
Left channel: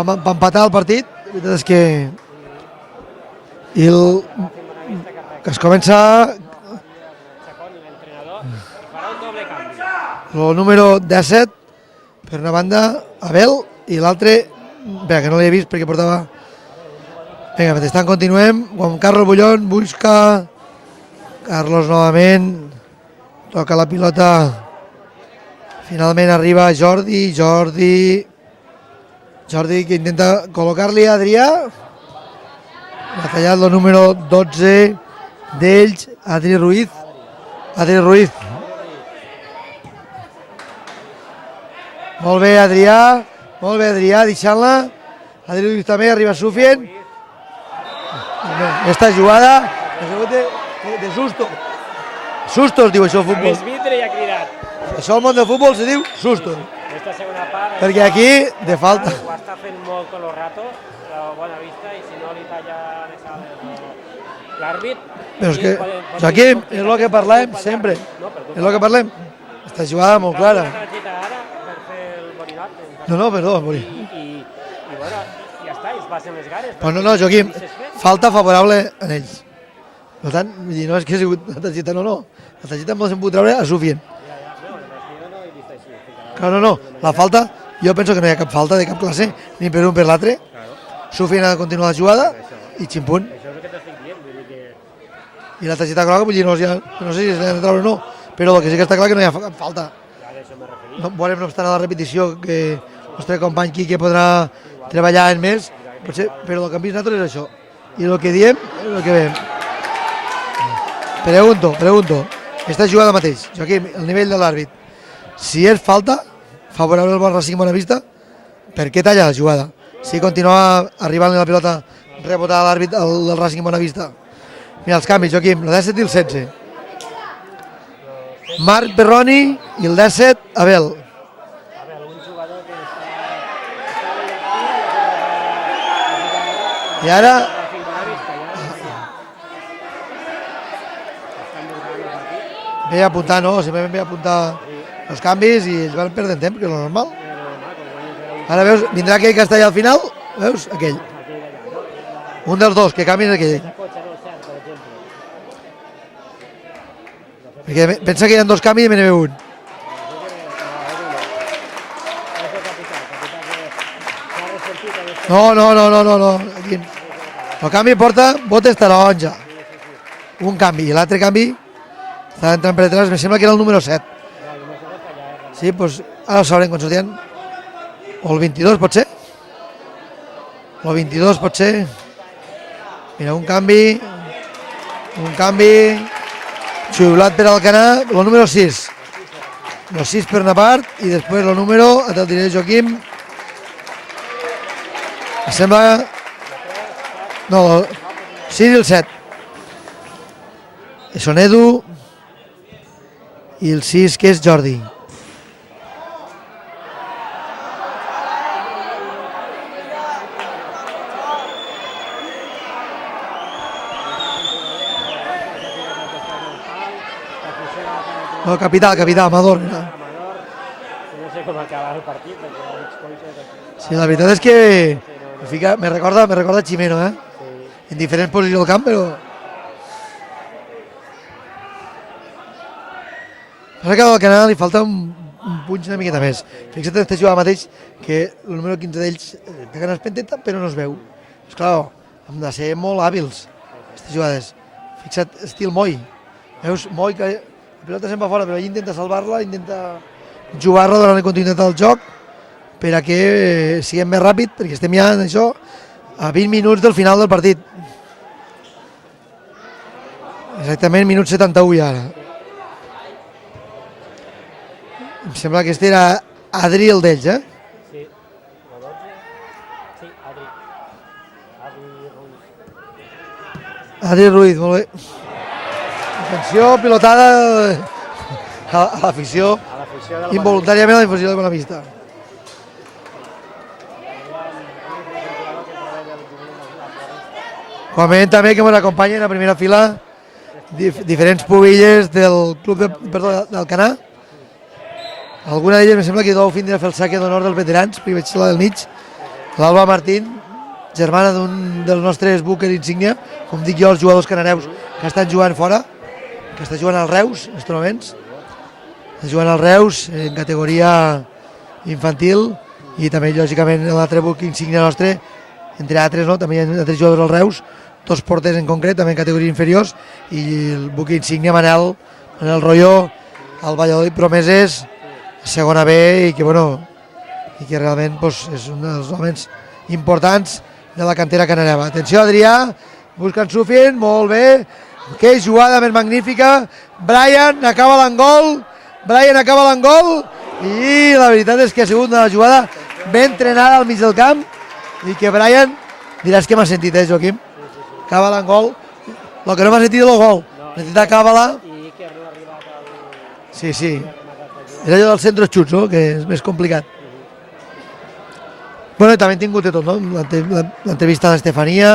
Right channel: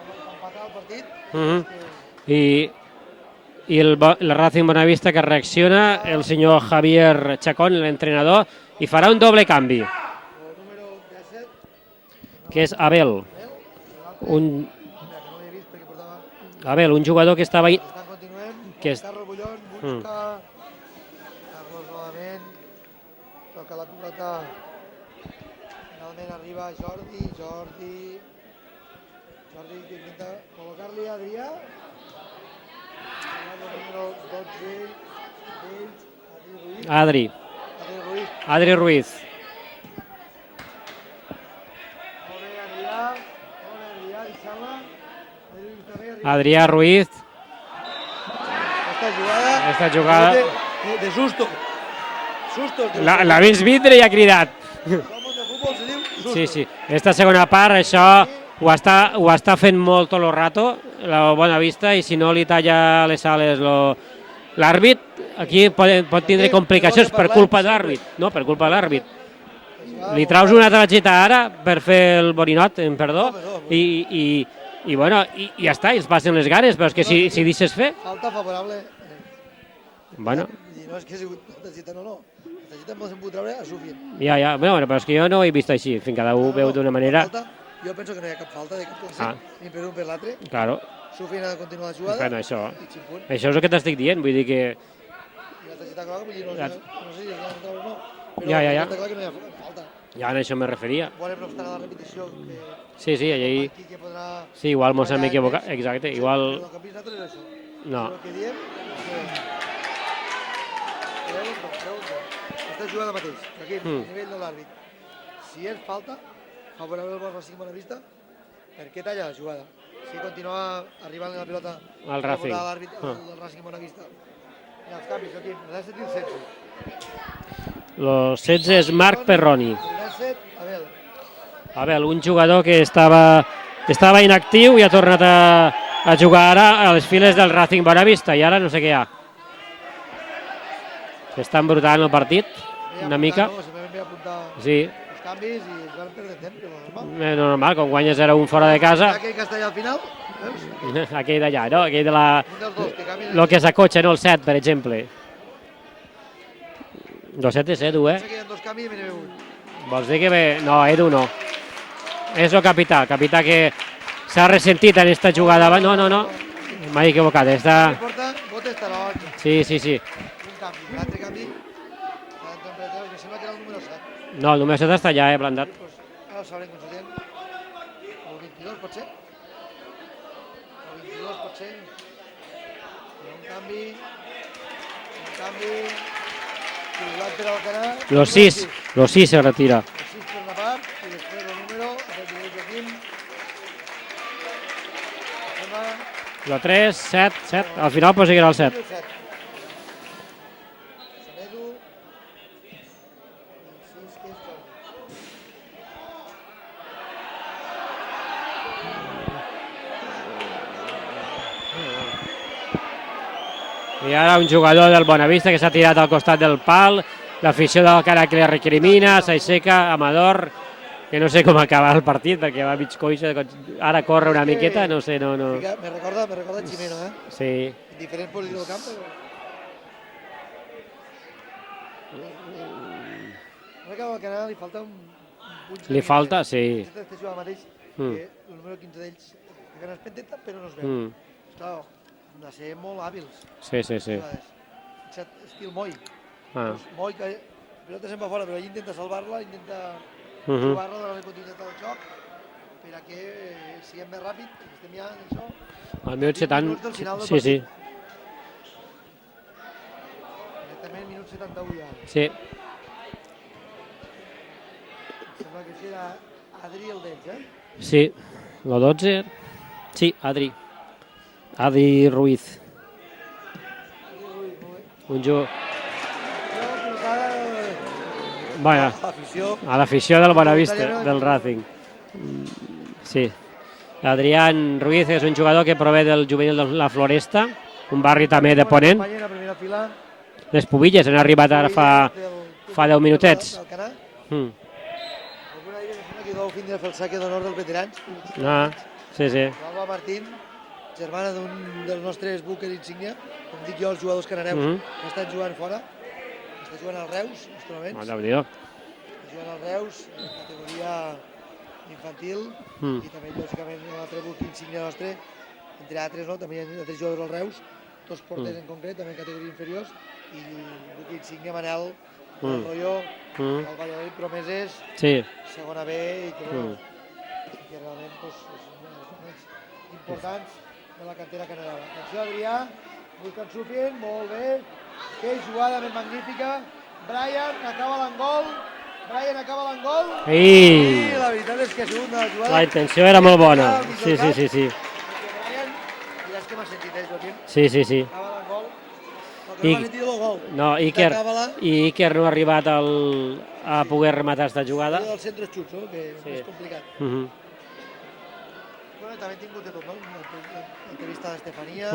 empatar el partit. És que... I la Racing Bonavista que reacciona, el senyor Javier Chacón, l'entrenador, i farà un doble canvi. El número 17, per una banda, Abel, i l'altre, que no l'he vist perquè portava... Abel, un jugador que estava... Vinga, mentrestant continuem, Juan Carlos Bullón busca Carlos novament, toca la pilota, finalment arriba Jordi que intenta col·locar-li a Adrià, ha tallat el número 12 d'ells, Adri Ruiz. Adri Ruiz. Molt bé, Adrià, deixant-la. Adri Ruiz també arriba suficient. Adrià Ruiz. Esta jugada... De Sustos, diu això. L'ha vist vindre i ha cridat. I això al món del futbol se diu sustos. Sí. Esta segona part, perquè això ho està fent molt tot el rato, la bona vista, i si no li talla les ales l'àrbit, aquí pot tenir complicacions per culpa d'àrbit. No, per culpa d'àrbit. Li traus una targeta ara per fer el borinot, perdó, i ja està, i es passen les ganes, perquè si deixes fer... Falta favorable en ells. Per tant, no és que ha sigut la targeta, no. La targeta ens hem pogut treure a Sufien. Ja, bueno, però és que jo no ho he vist així, fins cada un d'una manera. La falta, jo penso que no hi ha cap falta de cap classe, ni per un per l'altre. Sufien ha de continuar la jugada i ximpunt. Això és el que t'estic dient, vull dir que... I la targeta groga, vull dir, no sé si s'ha de treure o no, però el que sí que està clar que no hi ha cap falta. Ja a això me referia. Veurem, no obstant, a la repetició que el nostre company Quique podrà treballar en més, però el que hem vist nosaltres és això. I el que diem és el que veiem. Pregunto, esta jugada mateix, Joaquim, al nivell de l'àrbit, si és falta favorable al Racing Bonavista, per què talla la jugada? Si continua arribant la pilota rebotada a l'àrbit del Racing Bonavista. Mira els canvis, Joaquim, el 17 i el 16. Marc Perroni i el 17, Abel. Abel, un jugador que estava inactiu i ha tornat a jugar ara a les files del Racing Bonavista, i ara no sé què hi ha. Està embrutant el partit. Ve apuntar, no? Simplement ve apuntar els canvis i ells van perdent temps, que és normal. És normal, quan guanyes 0-1 fora Ara de veus, casa... vindrà aquell Castellà al final, veus? Aquell. Aquell d'allà, no? Aquell de la... Un dels dos, que canvien El aquell. que s'acotxa, no? El 7, per exemple. El 7 és Edu, Pensa que hi ha dos canvis i me n'hi ve un. Vols dir que ve... No, Edu no. És el capità que s'ha ressentit en esta jugada. No. M'he equivocat. El canvi porta botes taronja. Sí. Un canvi, i l'altre canvi està entrant per detrás, me sembla que era el número 7. No, el número 7 està allà, blandat. Sí, doncs ara ho sabrem quan sortien. O el 22 pot ser? O el 22 pot ser? Mira, un canvi, xiulat per Alcanar, el número 6. El 6 se retira. El 6 per una part i després el número, te'l diré Joaquim, em sembla... El 3, 7, No, al final pot seguir el 6 7. i el 7. Són Edu i el 6 que és Jordi. I ara un jugador del Bonavista que s'ha tirat al costat del pal, l'afició del cara que li capità, recrimina, Amador. s'aixeca, Amador, que no sé com acabar el partit perquè va mig coixa. La veritat és que no sé, no. me recorda Ximeno, Sí. en diferents posicions del camp, però... Passa que al Canadà li falta un punx una miqueta més. Sí. Fixa't este jugador mateix, que el número 15 d'ells té ganes penteta, però no es veu. Esclar, hem de ser molt hàbils, Sí. jugades. Fixa't, estil Moi. Veus, Moi, que la pilota se'n va fora, però ell intenta salvar-la, intenta jugar-la durant la continuïtat del joc per a que siguem més ràpid, perquè estem ja en això a 20 minuts del final del partit. Exactament, minut 71 ja ara. Sí. Em sembla que este era Adri el d'ells, Sí, el 12. Sí, Adri. Adri Ruiz. Adri Ruiz, molt bé. Un jugador... Atenció, pilotada Bueno, a l'afició. a l'afició del Bonavista. Involuntàriament a l'afició del Bonavista. Sí. Adrián Ruiz és un jugador que prové del juvenil de la Floresta. Igualment també que ens acompanya en la primera fila. Les pubilles han diferents arribat pubilles del club fa 10 minutets. del Canà. Alguna d'elles, em sembla que deu fins a fer el saque d'honor dels veterans, perquè veig la del mig. Sí. L'Alba Martín, germana d'un dels nostres búquers insígnia, com dic jo, els jugadors cananeus que estan jugant fora, que està jugant al Reus en aquests moments. Està jugant al Reus en categoria infantil i també, lògicament, l'altre buc insígnia nostre, entre altres, no? També hi ha altres jugadors al Reus, dos porters en concret, també en categoria inferiors, i el buc insígnia Manel Rolló, el Valladolid Promeses, segona B, i que, bueno, i que realment és un dels homes importants de la cantera canareva. Atenció, Adrià, buscant Sufien, molt bé, que jugada més magnífica, Brian acaba l'engol, i la veritat és que ha sigut una jugada ben entrenada al mig del camp, i que Brian, diràs que m'ha sentit, Joaquim? Sí. Acaba l'engol, el que no m'ha sentit és el gol. I Iker no ha arribat a poder rematar aquesta jugada. És allò del centre xuts, no? Que és més complicat. Bueno, també hem tingut de tot, no? L'entrevista d'Estefania,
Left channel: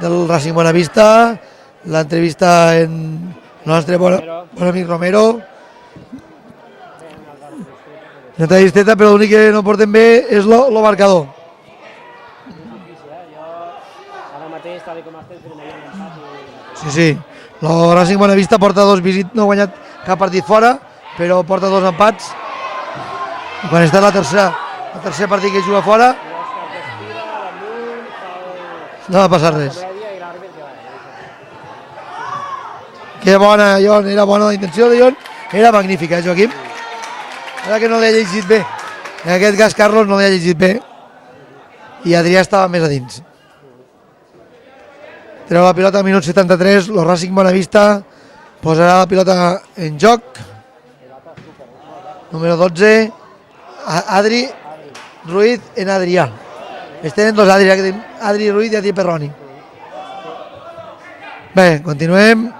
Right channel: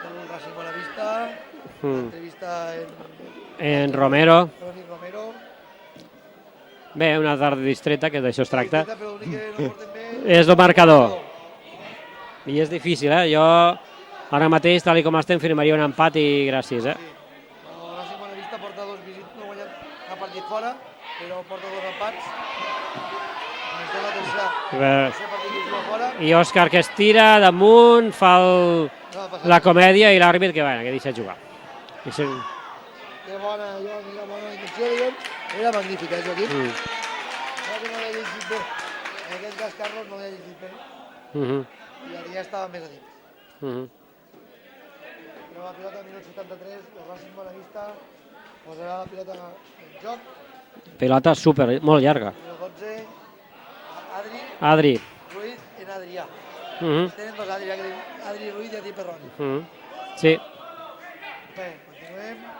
del Racing Bonavista, l'entrevista en el nostre bon amic Romero. Bé, una tarda distreta, que d'això una tarda distreta, però l'únic que no portem bé és el marcador. I és difícil, Jo ara mateix, tal com estem, firmaria un empat i gràcies. Sí. El Racing Bonavista porta 2 visits, no ha guanyat cap partit fora, però porta 2 empats. Quan està el tercer partit que juga fora... I Òscar que es tira damunt, fa la comèdia i l'àrbit que deixa jugar. Que bona, Jon, era bona la intenció de Jon, era magnífica, Joaquim. Ara que no l'he llegit bé. En aquest cas, Carlos no l'he llegit bé. I Adrià estava més a dins. Treu la pilota al minut 73, el Racing Bonavista posarà la pilota en joc. Pilota molt llarga. Número 12, Adri Ruiz en Adrià. Tenen dos Adri Ruiz i Adri Perroni. Sí. Bé, continuem.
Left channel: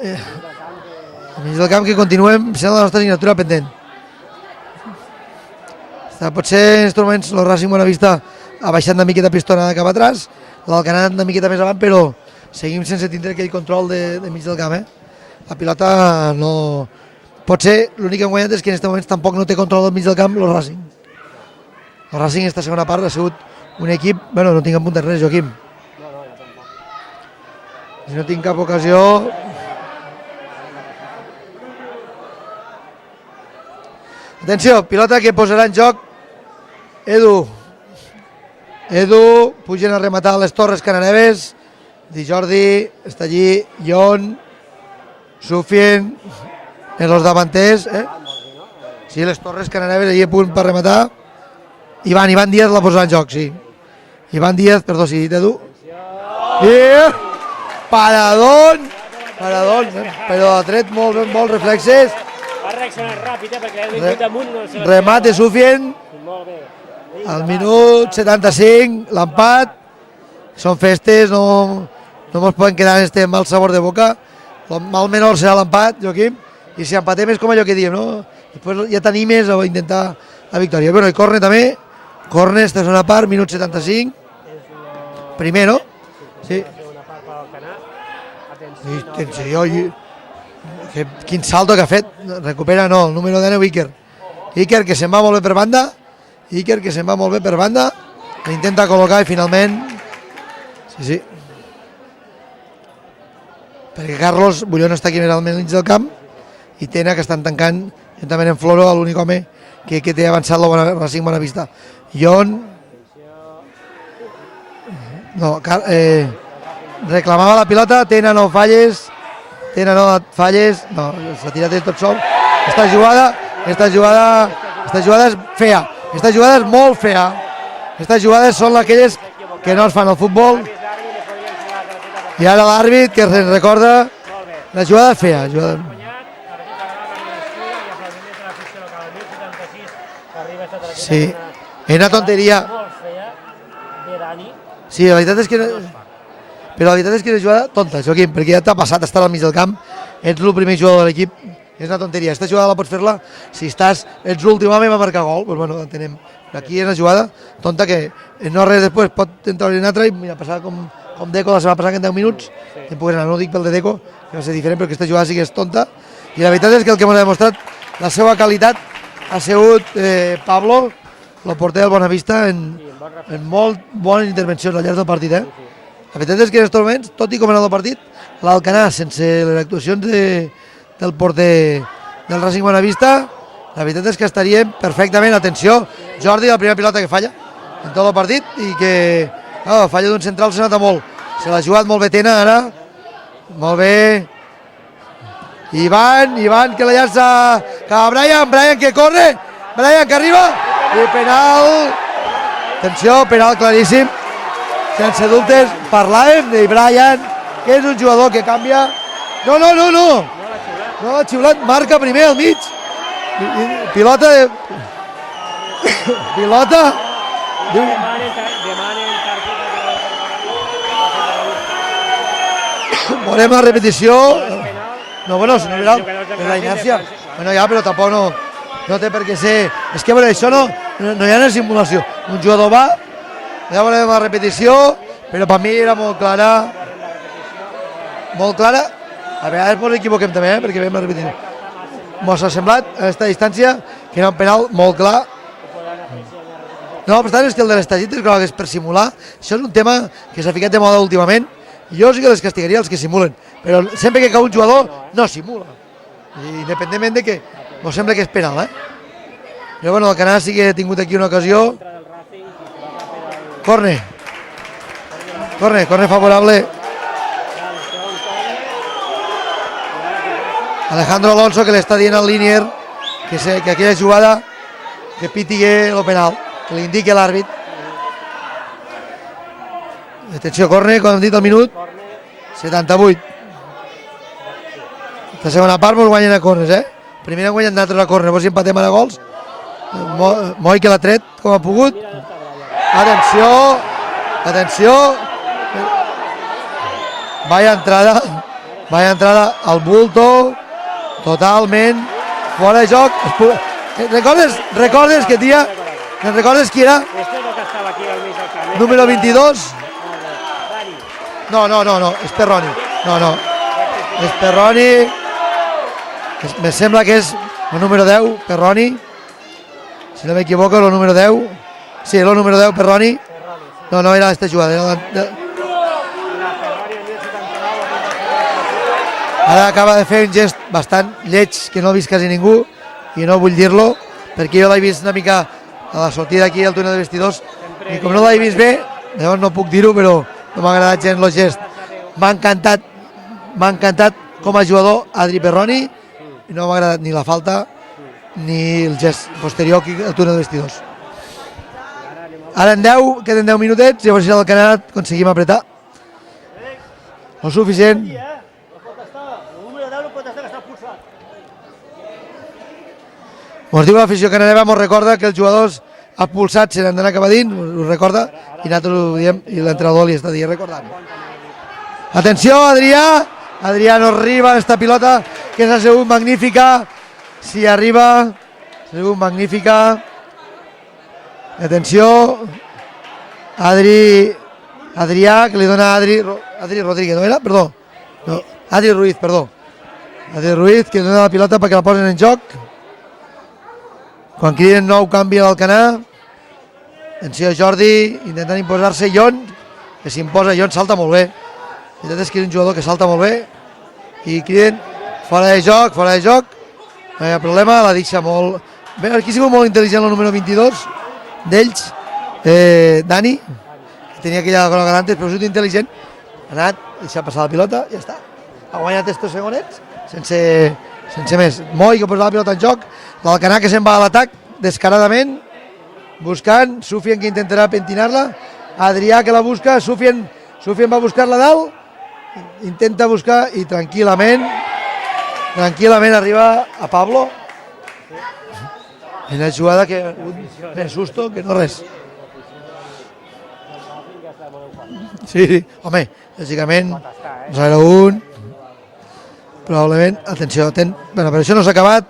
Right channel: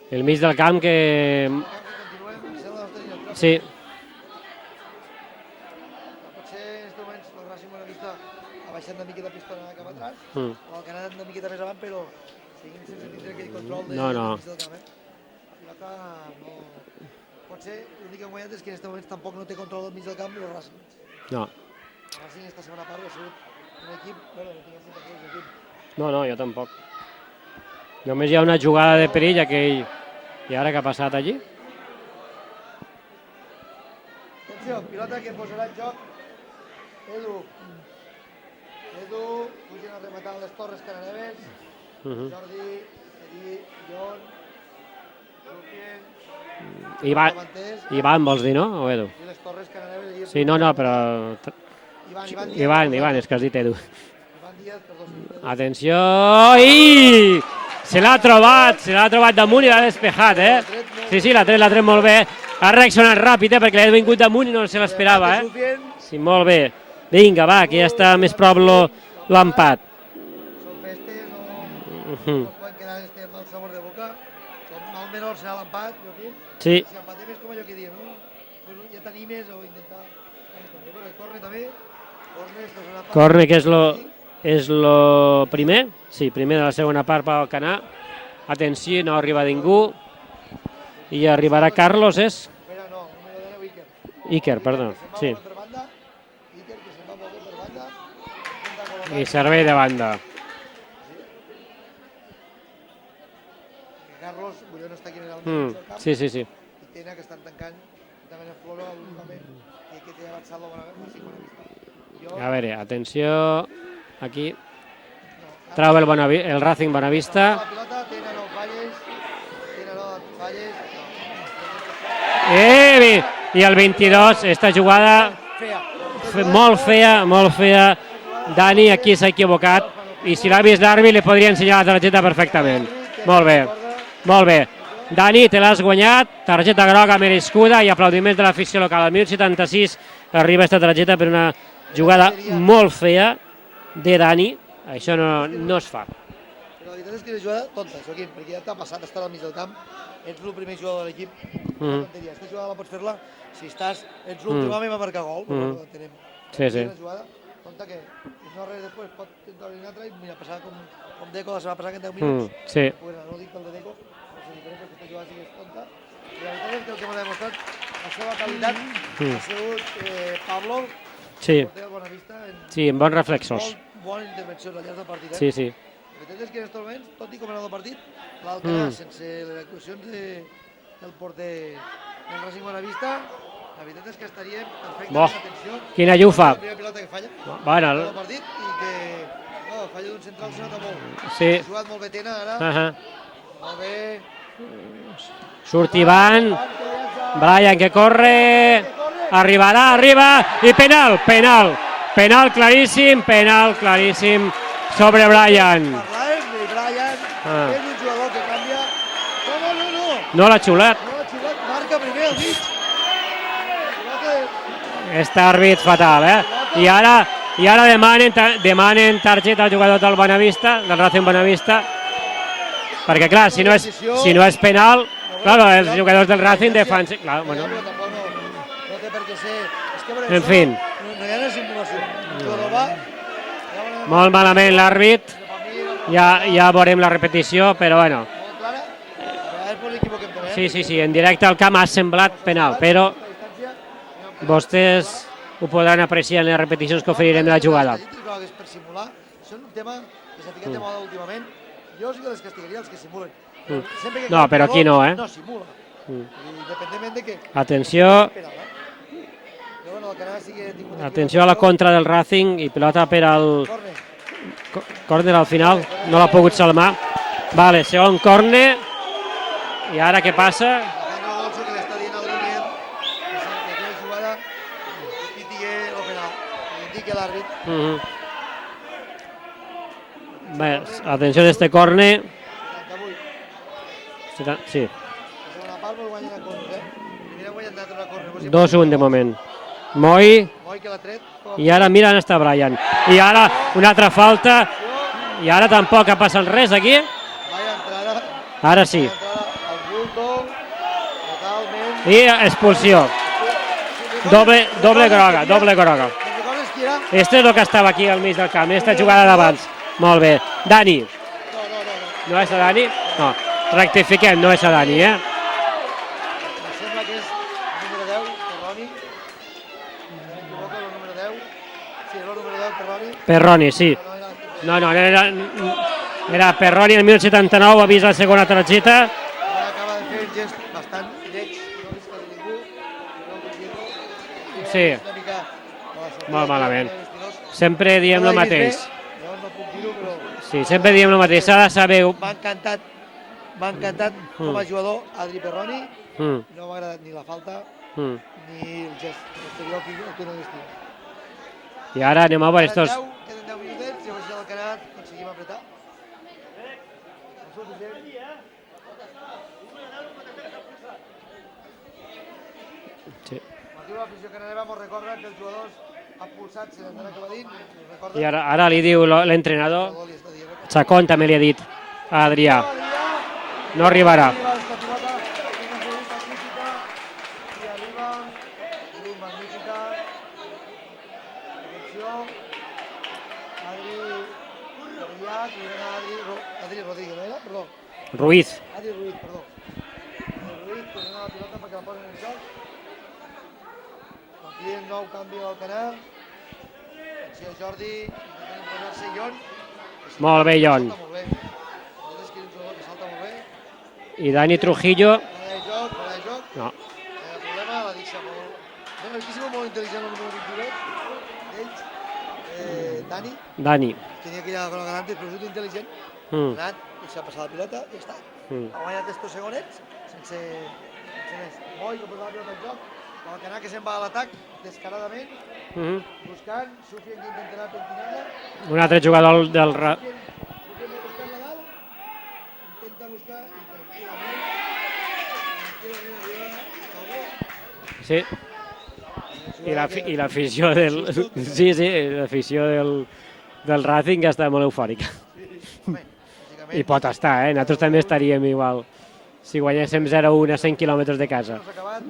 El mig del camp que... El mig del camp que continuem, sent la nostra signatura pendent. Potser en aquests moments el Racing Bonavista ha baixat una miqueta pistona cap atrás, l'Alcanar una miqueta més avant, però seguim sense tindre aquell control de mig del camp. la pilota no... Potser l'únic que hem guanyat és que en aquest moment tampoc no té control del mig del camp el Racing. No. El Racing esta segona part ha sigut un equip... Bueno, no tinc apuntat res, Joaquim. No, jo tampoc. No Només hi ha una tinc cap jugada ocasió. de perill aquell... I ara què ha passat allí? Atenció, pilota que posarà en joc Edu. Edu, pugen a rematar les Torres Cananeves. Di Jordi, està allí, Ion, Sufien, en els davanters. Ivan, vols dir, no? O Edu? Sí, les Torres Cananeves allí a punt per rematar. Però... Ivan Díaz la posarà en joc, és que ha sí. dit Edu. Ivan Díaz, perdó, sí, Edu. Atenció, i... Se l'ha trobat damunt i l'ha despejat, però l'ha tret molt, sí, molt l'ha tret reflexes. molt bé. Ha reaccionat ràpid, perquè l'ha vingut damunt i no se l'esperava. Remate Sufien. Sí, molt bé. Vinga, va, Al aquí ja està minut més prop 75, l'empat. l'empat. Són festes, no ens poden quedar en este mal sabor de boca. El mal menor serà l'empat, Joaquim. Sí. I si empatem és com allò que diem, no? Després ja t'animes a intentar la victòria. Bueno, i corne també. Corne, esta és una part, Corne, minut que 75. és lo Primer, no? Sí, primer Sí. la segona part per Alcanar. Atenció, no I arriba atenció, ningú. Quin arribarà salto que ha Carlos, fet. és? Recupera, no, el número 10, Iker. Iker, que se'n va molt bé per banda. Iker, que se'n va molt bé per banda. L'intenta col·locar i finalment... Sí, sí. Perquè Carlos Bullón està aquí al mig del camp Sí. i Tena, que estan tancant juntament amb Floro, l'únic home que té avançat el Racing Bonavista. A Ion, veure, atenció, aquí. no, El Racing Bonavista. reclamava la pilota, Tena no falles, Tena no falles, no, s'ha tirat ell tot sol. I el 22, esta jugada és fea. Esta jugada és molt fea. Molt fea. Estas jugades són Dani aquí aquelles s'ha equivocat. que no es fan al I si futbol. l'ha vist l'àrbit li podria ensenyar la targeta I perfectament. ara l'àrbit que Molt bé. recorda Molt bé. la jugada fea. Dani, te l'has guanyat, targeta groga merescuda i aplaudiments de l'afició local. Al 1076 arriba aquesta targeta Sí. per una Era jugada tonteria. molt fea de Dani. Sí, Això la veritat és que no es fa. Però la veritat és que és una jugada tonta, Joaquim, perquè ja t'ha passat estar al mig del camp, ets el primer jugador de l'equip, és una tonteria. Aquesta jugada la pots fer-la si ets l'últim home i va marcar gol, doncs bueno, entenem. Aquí Sí. és una jugada tonta que no res després pot entrar una altra i mira, passar com Deco la setmana passada que en 10 minuts, Sí. no ho dic pel de Deco, que va ser diferent, però aquesta jugada sí que és tonta. I la veritat és que el que ens ha demostrat la seva qualitat ha sigut Pablo, el porter del Bonavista, en bon reflexor. molt bones intervencions al llarg del partit. Sí. La veritat és que en aquests moments, tot i com ha anat el partit, l'Alcanar, sense les actuacions del porter del Racing Bonavista, la veritat és que estaríem perfectament, atenció, Quina Jordi, llufa. la primera pilota que falla, Bueno, en tot el partit, i que falla d'un central se nota molt. Sí. Se l'ha jugat molt bé Tena, ara, molt bé. Surt Ivan, que la llança. Brian, que corre. Brian, que corre. Arribarà, Brian, que arriba. I penal. Penal claríssim. Atenció, penal claríssim. Sobre Brian. Parlàvem de Brian, que és un jugador que canvia. No. No l'ha xiulat. No l'ha xiulat, marca primer al mig. Pilota de... Està àrbit fatal, Pilota. I ara demanen targeta al jugador del Bonavista, del Racing Bonavista, perquè clar, si no és penal, els jugadors del Racing defensen... No, ja, però tampoc no té per què ser... És que, això no hi ha una simulació. Un jugador va, ja veurem la repetició, però per mi era molt clara. Ja veurem la repetició, però bueno. Molt clara. A vegades ens equivoquem també, Sí, en directe al camp ha semblat penal, però... a aquesta distància, que era un penal molt clar. Ho podran apreciar en les repeticions. No, per tant, és que el de les targetes grogues és per simular. Això és un tema que s'ha ficat de moda últimament. Jo sí que les castigaria els que simulen, però sempre que cau un jugador no simula. Independentment de que no sembla que és penal, Però bueno, el Canà sí que ha tingut aquí una ocasió. Atenció a la contra del Racing i pilota per al... Corne. Corner al final. Corne favorable. Vale, segon corne. I ara què passa? Alejandro Alonso, que li està dient al Linier que aquella jugada que pitigui el penal, que li indiqui l'àrbit. Atenció, corne, quan hem dit el minut. Corne. 78. Sí. La segona part mos guanyen a cornes, Primer han guanyat nosaltres a corne, si empatem a gols. Moi que l'ha tret com ha pogut. I ara mira on està Brian. Atenció. I ara una altra falta. Atenció. I ara tampoc ha passat res aquí. Vaya entrada. Ara sí. Vaya entrada al bulto. Totalment. I expulsió. Recordes que tira. Recordes qui era? Este és el que estava aquí al mig del camp. Número 22. Molt bé. Dani. No, és Perroni. No. Rectifiquem, no és Dani, Me sembla que és el número 10, Perroni. Si no m'equivoco, el número 10. Sí, el número 10, Perroni. Perroni, sí. No era este jugador. Era Perroni el 1979, ha vist la segona targeta. Ara acaba de fer un gest bastant lleig que no ha vist quasi ningú i no vull dir-lo perquè jo l'he vist una mica a la sortida aquí al túnel de vestidors. Sempre diem el el mateix. Bé, llavors no puc dir-ho, però sempre diem el mateix, s'ha de saber. M'ha encantat com a jugador Adri Perroni i no m'ha agradat ni la falta ni el gest posterior al túnel de vestidors. I ara anem a Ara queden 10 minutets, llavors si el Canadà aconseguim apretar. No suficient. Ens diu l'afició canadeva, ens recorda que els jugadors expulsats se n'han d'anar cap a dins, ho recorda? Ara li diu l'entrenador li està dient, recorda. Sacón també li ha dit. Atenció, Adrià! Adrià no arriba, esta pilota que s'ha sigut magnífica. Si arriba, s'ha sigut magnífica. Atenció, Adrià, que li dona a Adri Rodríguez, no era? Perdó. Ruiz. Adri Ruiz, perdó. Adri Ruiz, que li dona la pilota perquè la posen en joc. Quan criden nou canvi a l'Alcanar. Atenció, Jordi, intentant imposar-se. Jon, que s'imposa. Jon salta molt bé. La veritat és que és un jugador que salta molt bé. I Dani Trujillo. Fora de joc. No hi ha problema, la deixa molt... Bé, aquí ha sigut molt intel·ligent el número 22 d'ells. Dani. Tenia aquella groga d'antes, però ha sigut intel·ligent. Ha anat, deixa passar la pilota i ja està. Ha guanyat estos segonets sense més. Moi, que posa la pilota en joc. L'Alcanar que se'n va a l'atac descaradament, buscant. Sufian que intentarà pentinar-la. Adrià que la busca. Sufian va a buscar-la dalt. Intenta buscar i tranquil·lament arriba a Pablo. Sí. En la jugada que... I l'afició del Racing ja està molt eufòrica. Sí, home, lògicament... I pot estar, nosaltres estaríem igual. Si guanyéssim 0-1 a 100 quilòmetres de camp. Però això no s'ha acabat.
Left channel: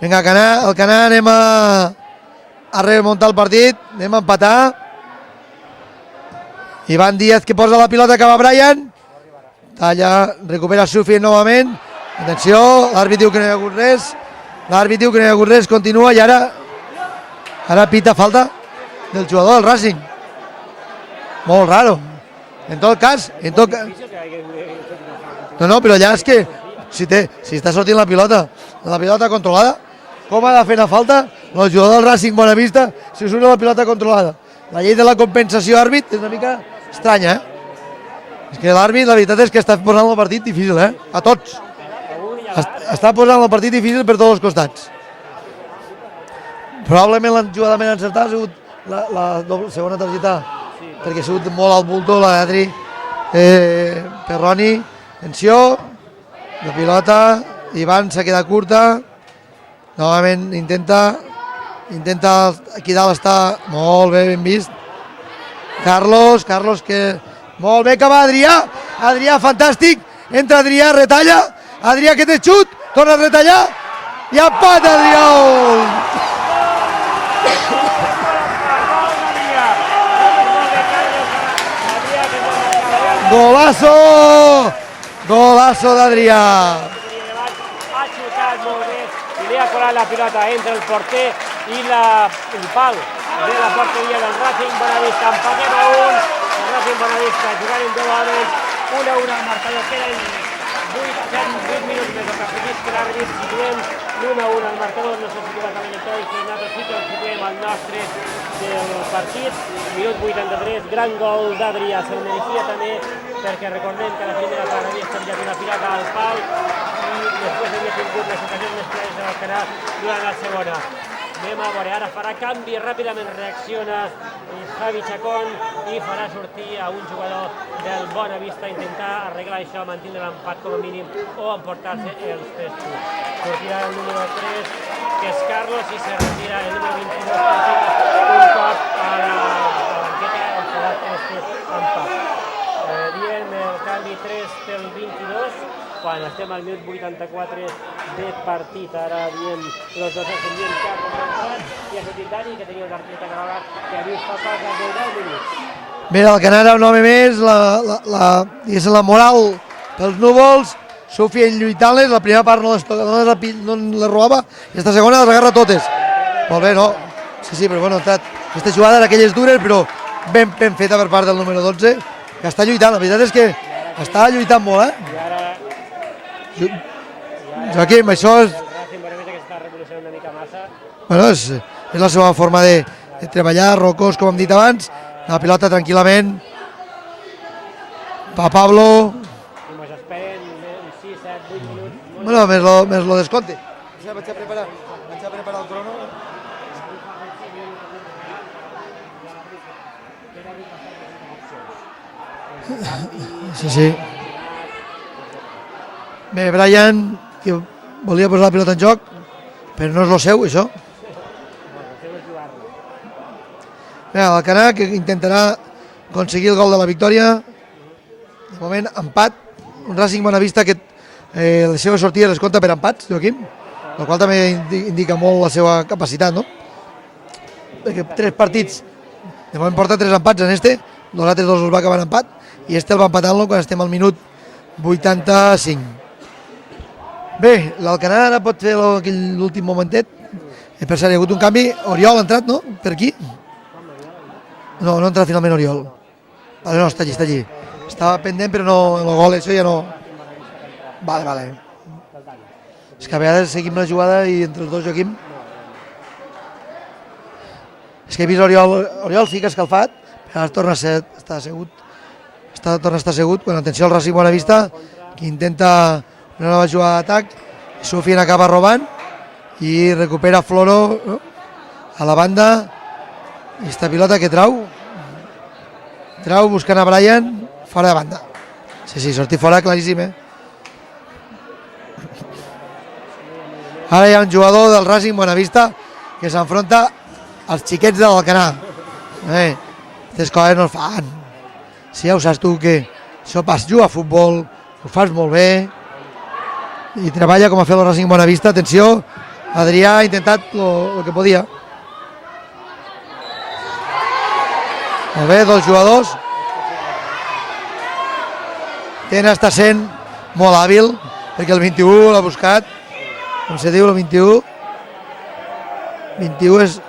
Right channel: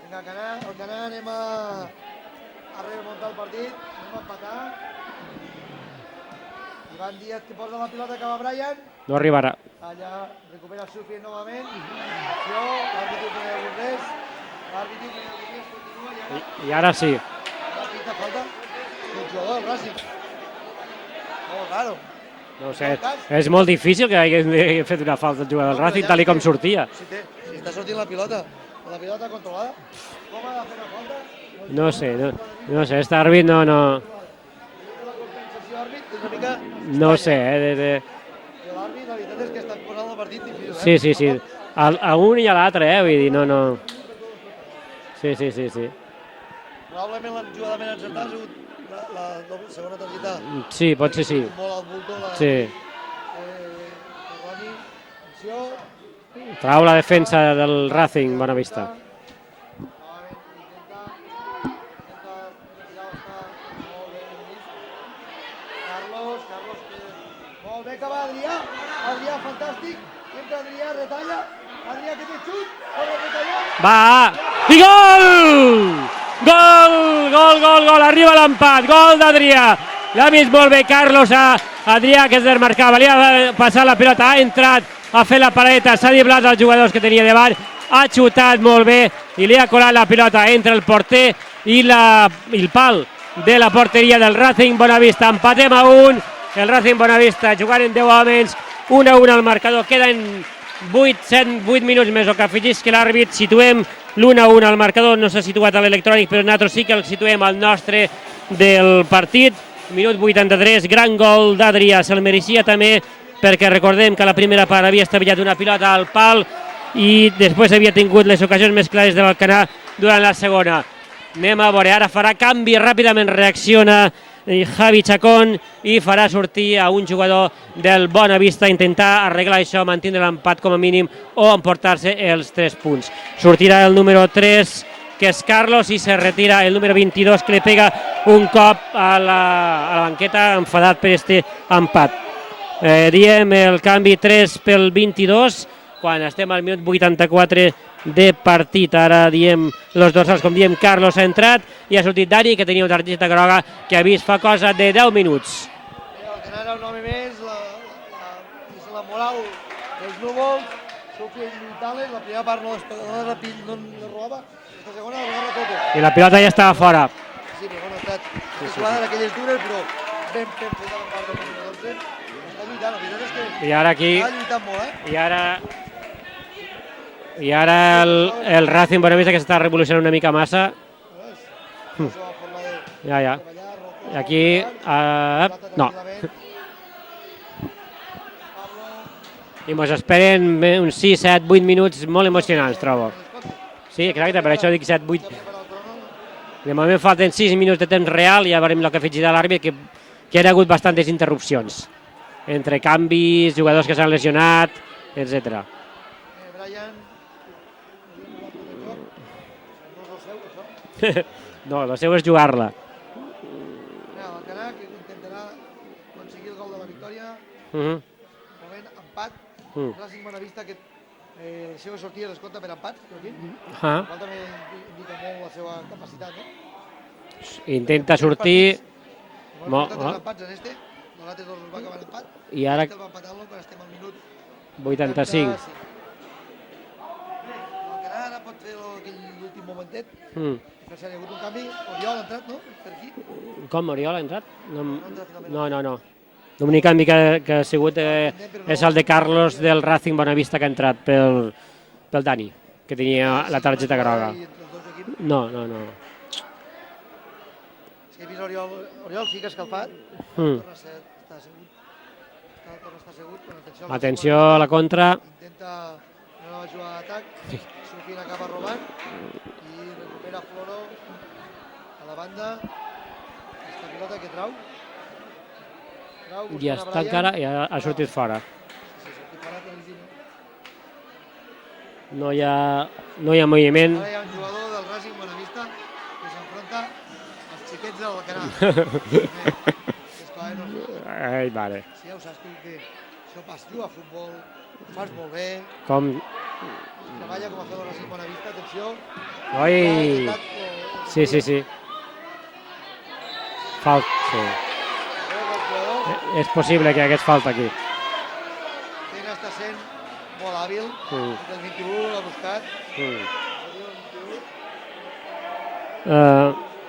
Vinga, el Canà anem a remuntar el partit, anem a empatar. Ivan Díaz que posa la pilota, acaba Brian. No arribarà. Talla, recupera Sufi novament. Atenció, l'àrbit diu que no hi ha hagut res. Continua i ara... I ara sí. Ara pita falta del jugador del Racing. Molt raro. En tot cas... És molt difícil que haguem fet una falta al jugador. No, però ja és que... Si està sortint la pilota controlada, com ha de fer una falta? El jugador del Racing Bonavista si surt la pilota controlada. La llei de la compensació àrbit és una mica estranya. És que l'àrbit, la veritat és que està posant el partit difícil, a tots. A un i a l'altre, Està posant el partit difícil per tots els costats. Sí. Probablement la jugada més encertada ha sigut la segona targeta. Sí, pot ser sí. Perquè ha sigut molt al bulto, la d'Adri Perroni. Atenció. La defensa del Ivan s'ha quedat curta. Novament intenta, aquí dalt està molt bé, ben vist. Carlos que... Molt bé que va Adrià fantàstic, entra Adrià, retalla, Adrià que té xut, torna a retallar, i empat Gol, arriba l'empat, gol d'Adrià, l'ha vist molt bé Carlos a Adrià que es desmarcava, li ha passat la pilota, ha entrat a fer la paleta, s'ha driblat els jugadors que tenia davant, ha xutat molt bé i li ha colat la pilota entre el porter i el pal de la porteria del Racing Bonavista. Empatem a 1, el Racing Bonavista jugant en 10 homes, 1-1 al marcador, queden 8 minuts més, o que afegís que l'àrbit situem l'1-1 al marcador, no s'ha situat a l'electrònic, però nosaltres sí que el situem al nostre del partit. Minut 83, gran gol d'Adrià, se'l mereixia també, perquè recordem que a la primera part havia estavellat una pilota al pal i després havia tingut les ocasions més clares de l'Alcanar durant la segona. Anem a veure, ara farà canvi, ràpidament reacciona Javi Chacón i farà sortir a un jugador del Bonavista a intentar arreglar això, mantenir l'empat com a mínim o emportar-se els 3 punts. Sortirà el número 3, que és Carlos, i se retira el número 22, que li pega un cop a la banqueta, enfadat per este empat. Diem el canvi 3 pel 22, quan estem al minut 84 de partit. Ara diem els dorsals, com diem, Carlos ha entrat i ha sortit Dani, que tenia una targeta groga que ha vist fa cosa de 10 minuts. Bé, el Canara un home més, la moral pels núvols, Sufien lluitant-les, la primera part no les robava, i esta segona les agarra totes. I la pilota ja estava fora. Sí, però bueno, aquesta jugada d'aquelles dures, però ben feta per part del número 12, que està lluitant, la veritat és que està lluitant molt, I ara el Racing Bonavista que s'està revolucionant una mica massa. Bueno, és la seva forma de treballar, rocós, com hem dit abans, la pilota tranquil·lament. Pa Pablo. I ens esperen uns 6, 7, 8 minuts molt emocionants. No, més lo descompte. Sí, exacte, per això dic 7, 8. De moment falten 6 minuts de temps real i ja veurem el que afegirà l'àrbit, que hi ha hagut bastantes interrupcions. Entre canvis, jugadors que s'han lesionat, etc. Bé, Brian, que volia posar la pilota en joc, però no és el seu, això. No, el seu és jugar-la. Bé, l'Alcanar, que intentarà aconseguir el gol de la victòria. De moment, empat. Un Racing Bonavista que les seves sortides les compta per empats, Joaquim, el qual també indica molt la seva capacitat, no? Intenta sortir... De moment porta 3 empats en este, els altres 2 els va acabar en empat, i este el va empatant-lo quan estem al minut 85. Bé, l'Alcanar ara pot fer l'últim momentet. Per cert, hi ha hagut un canvi. Oriol ha entrat, no? Per aquí? Com, Oriol ha entrat? No ha entrat finalment Oriol. No. L'únic canvi que ha sigut és el de Carlos del Racing Bonavista que ha entrat pel Dani. És que a vegades seguim la jugada i entre els dos, Joaquim... No. És que he vist Oriol sí que ha escalfat, ara torna a estar assegut. Torna a estar assegut, quan atenció al Racing Bonavista, que intenta una nova jugada d'atac, Sufien acaba robant i recupera Floro a la banda. Aquesta pilota que trau buscant a Brian, fora de banda. Sí, sortir fora, claríssim, No hi ha moviment. Ara hi ha un jugador del Racing Bonavista que s'enfronta als xiquets de l'Alcanar. Aquestes coses no es fan. Si ja ho saps tu, que això pas juga a futbol, ho fas molt bé, i treballa com ha fet el Racing Bonavista. Atenció, Adrià ha intentat el que podia. Molt bé, 2 jugadors. És possible que hagués falta aquí. Tena està sent molt hàbil, perquè el 21 l'ha buscat. Com se diu el 21? 21 és...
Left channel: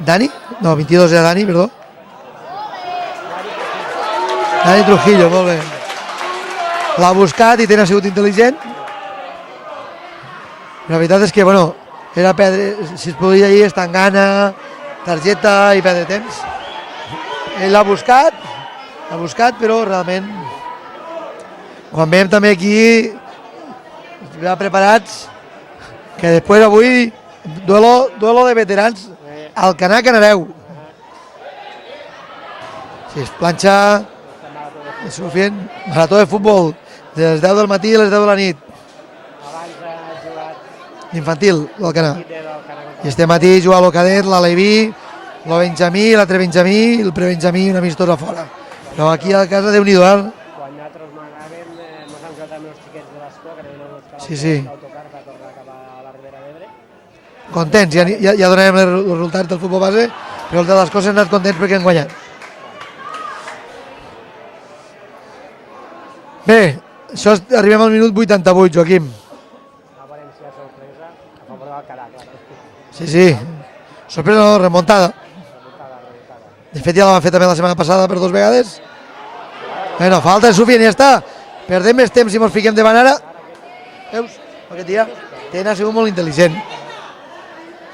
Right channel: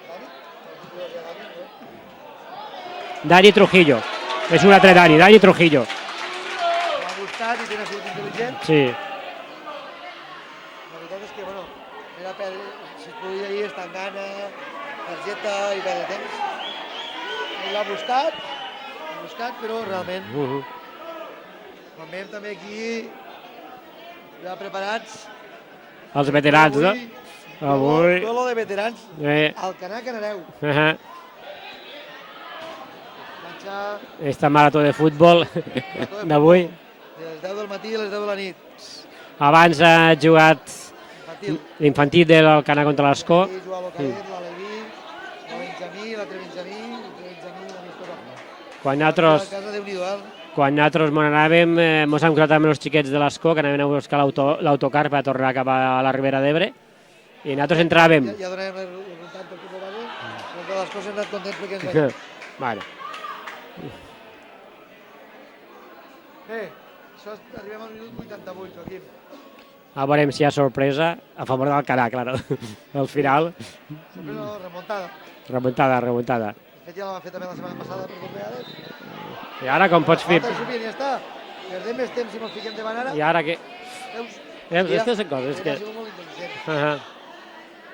Dani? No, 22 era Dani, perdó. Dani Trujillo. És un altre Dani Trujillo. L'ha buscat i Tena ha sigut intel·ligent. Sí. La veritat és que, bueno, era perdre, si es podia ir, estar en gana, targeta i perdre temps. Ell l'ha buscat, però realment, quan veiem també aquí, ja preparats, que després avui, duelo de veterans, Alcanar Canareu. Si es planxa... Esta marató de futbol. Marató de futbol, de les 10 del matí a les 10 de la nit. Abans ha jugat... Infantil de l'Alcanar contra l'Ascó. Este matí juga el cadet, l'Aleví, el Benjamí, l'altre Benjamí, el prebenjamí, una amistosa fora. Però aquí a casa, Déu-n'hi-do. Quan nosaltres m'on anàvem, ens hem crotat amb els xiquets de l'Ascó, que anaven a buscar l'autocar per tornar cap a la Ribera d'Ebre. Contents, ja donarem els resultats del futbol base, però els de l'Ascó s'han anat contents perquè han guanyat. Bé, arribem al minut 88, Joaquim. A veurem si hi ha sorpresa a favor d'Alcanar, claro. Sí. Sorpresa no, remuntada. Remuntada. De fet, ja la van fer també la setmana passada per 2 vegades. Bueno, falta en Sufien i ja està. Perdem més temps si ens fiquem davant ara. I ara què? Veus? Tena ha sigut molt intel·ligent.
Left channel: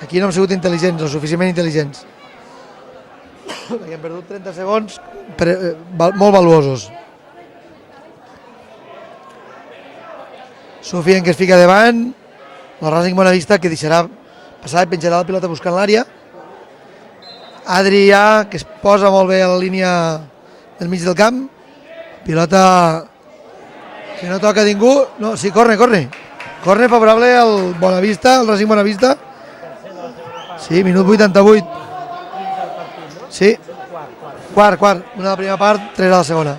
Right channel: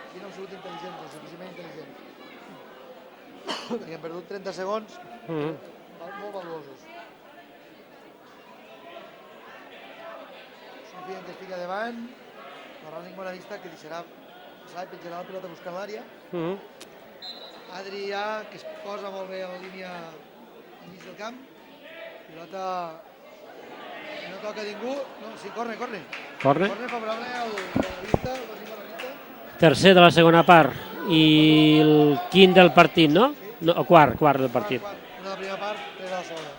Aquí no hem sigut intel·ligents, o suficientment intel·ligents. Perquè hem perdut 30 segons molt valuosos. Sufien que es fica davant, el Racing Bonavista que deixarà passar i penjarà la pilota buscant l'àrea. Adrià que es posa molt bé a la línia del mig del camp. Pilota que no toca ningú. No, sí, corre. Corre favorable al Bonavista, al Racing Bonavista. Tercer de la segona part. Sí, minut 88. I el quint del partit, no? Sí. No, quart. Quart. Una de la primera part, 3 a la segona.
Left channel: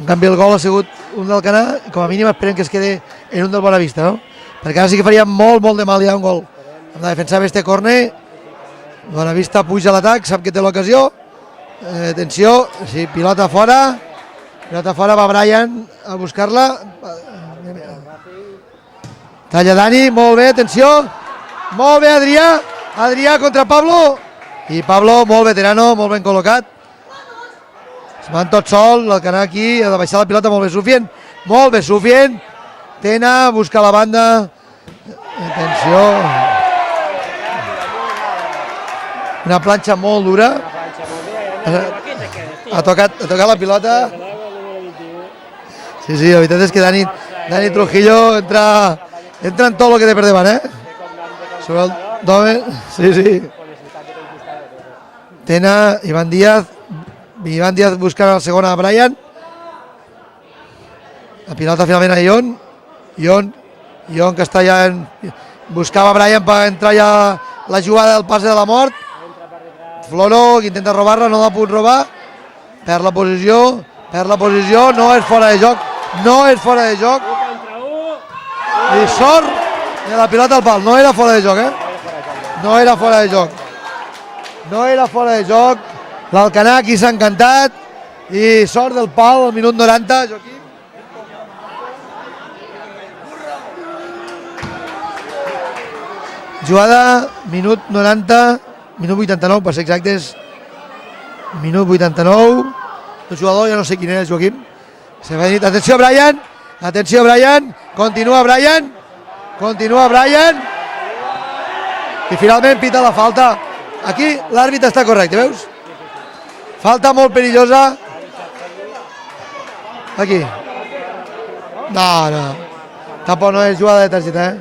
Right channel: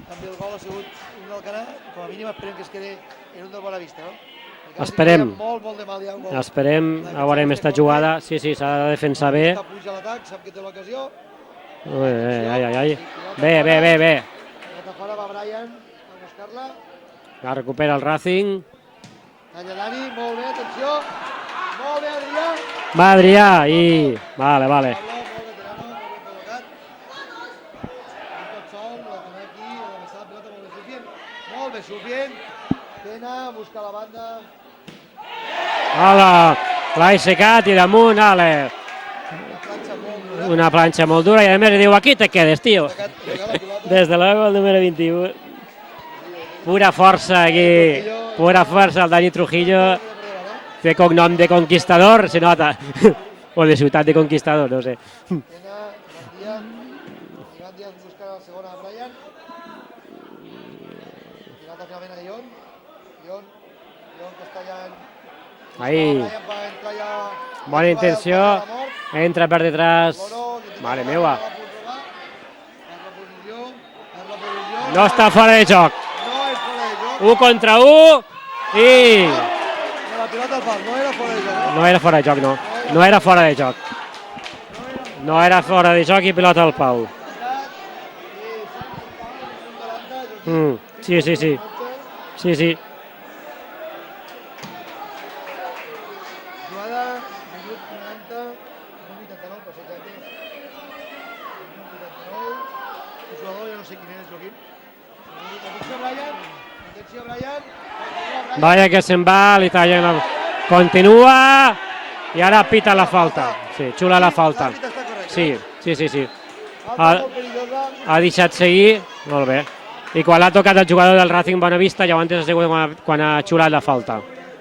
En canvi, el gol ha sigut un del Canà, com a mínim esperem que es quede en un del Bonavista, no? Perquè ara sí que faria molt de mal ja un gol. Esperem. Ha de defensar bé este córner. Sí, s'ha de defensar bé. Bonavista puja a l'atac, sap que té l'ocasió. Atenció, pilota fora. Bé. Pilota fora, va Brian a buscar-la. La recupera el Racing. Talla Dani, molt bé, atenció. Molt bé, Adrià. Adrià contra Pablo. I Pablo, molt veterano, molt ben col·locat. Es van tot sol, l'Alcanar aquí, ha de baixar la pilota, molt bé Sufien. Molt bé Sufien. Tena, busca la banda. Atenció. L'ha aixecat i damunt, ale. Una planxa molt dura. Una planxa molt dura i a més diu, aquí te quedes, tio. Ha tocat la pilota. Des de luego el número 21. Sí, la veritat és que Dani Trujillo entra en tot el que té per davant, De cognom de conquistador, se nota. Sí. O de ciutat de conquistador, no sé. Tena, Iván Díaz buscant el segon a Brian. La pilota finalment a Ion que està ja buscava Brian per entrar ja la jugada del pas de la mort. Entra per detrás. Floro, que intenta robar-la, no l'ha pogut robar. Perd la posició, no és fora de joc. No és fora de joc. 1 contra 1. I sort de la pilota al pal. No era fora de joc, No era fora de joc, no. No era fora de joc. No era fora de joc. L'Alcanar aquí s'ha encantat. I sort del pal al minut 90. Sí. Jugada, minut 90, minut 89, per ser exactes. Minut 89. El jugador, ja no sé quin és, Joaquim. Atenció, Brian. Continua Brian. Vaya que se'n va. Continua Brian. Continua. I finalment pita la falta. Aquí l'àrbitre està correcte, veus? Sí. Falta molt perillosa. Ha deixat seguir. Molt bé. I quan l'ha tocat el jugador del Racing Bonavista, llavors no sé quan ha xulat la falta. Jugada de targeta,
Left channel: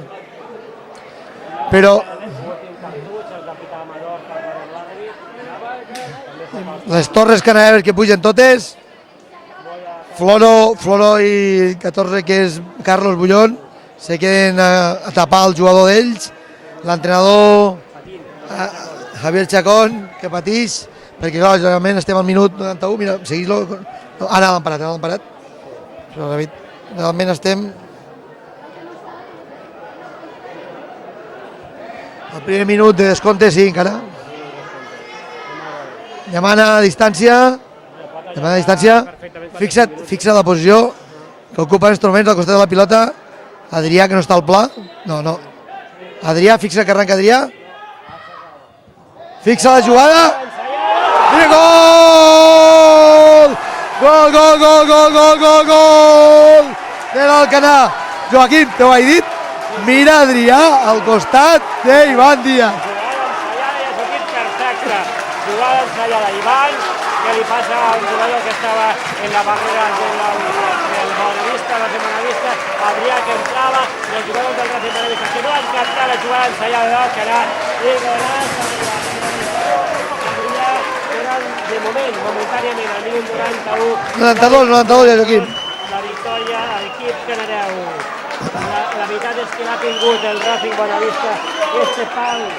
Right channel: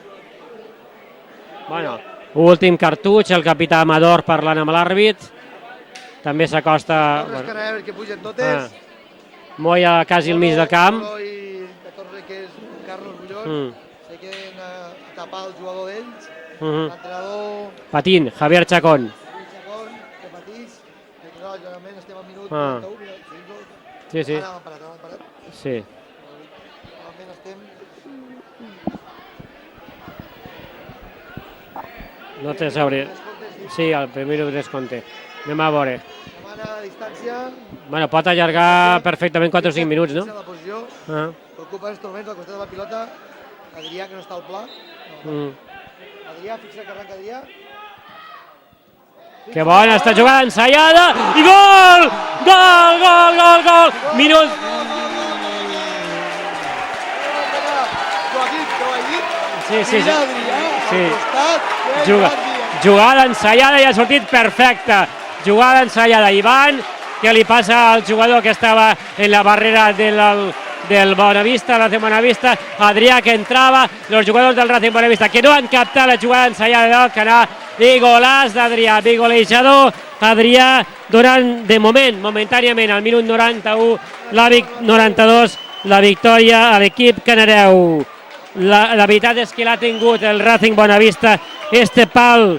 Però... Últim cartutx, el capità Amador parlant amb l'àrbit. També s'acosta... Les torres canaveres que pugen totes. Moya quasi al mig del camp. Floro i 14, que és Carlos Bullón, se queden a tapar el jugador d'ells. L'entrenador... Patint, Javier Chacón. Que patix, perquè clar, generalment estem al minut 91, mira, seguís-lo. Ara l'han parat. Sí. Però realment estem... El primer minut de descompte, sí, encara. Sí, el primer minut de descompte. Anem a veure. Demana a distància. Bueno, pot allargar perfectament 4 o 5 minuts, Fixa la posició que ocupa els instruments al costat de la pilota. Adrià, que no està al pla. No. Adrià, fixa que arranca Adrià. Fixa la jugada. Està jugant, ensaiada. I gol! De l'Alcanar. Joaquim, t'ho he dit? Mira Adrià al costat d'Ivan Díaz. Jugada ensaiada i ha sortit perfecta. Jugada ensaiada. Ivan, que li passa al jugador que estava en la barrera del Bonavista, Racing Bonavista. Adrià, que entrava, los jugadors del Racing Bonavista que no han captat la jugada ensaiada de l'Alcanar. I golàs d'Adrià, de golejador. Adrià donant de moment, momentàniament, al minut 92, la victòria a l'equip canareu. La veritat és que l'ha tingut el Racing Bonavista. Este pal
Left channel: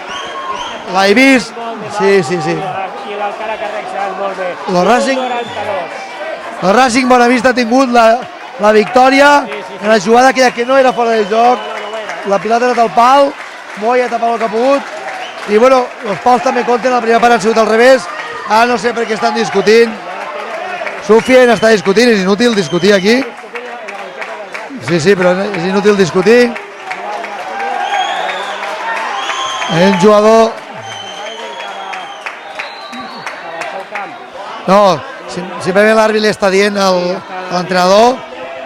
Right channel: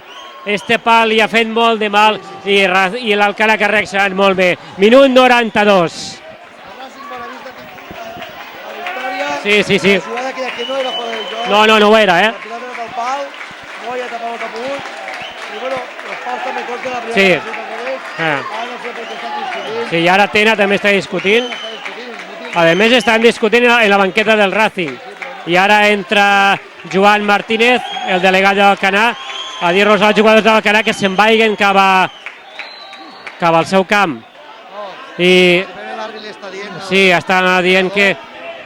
li ha fet molt de mal i l'Alcanar que ha reaccionat molt bé. Minut 92. El Racing Bonavista ha tingut la victòria. La jugada aquella que no era fora de joc. No ho era, La pilota ha anat al pal. Moya ha tapat el que ha pogut. I bueno, els pals també compten, la primera part han sigut al revés. No sé per què estan discutint. I ara Tena també està discutint. Sufien està discutint, és inútil discutir aquí. A més estan discutint en la banqueta del Racing. Sí, però és inútil discutir. I ara entra Joan Martínez, el delegat de l'Alcanar, a dir als jugadors de l'Alcanar que se'n vagin cap al seu camp. No, simplement l'àrbit li està dient al entrenador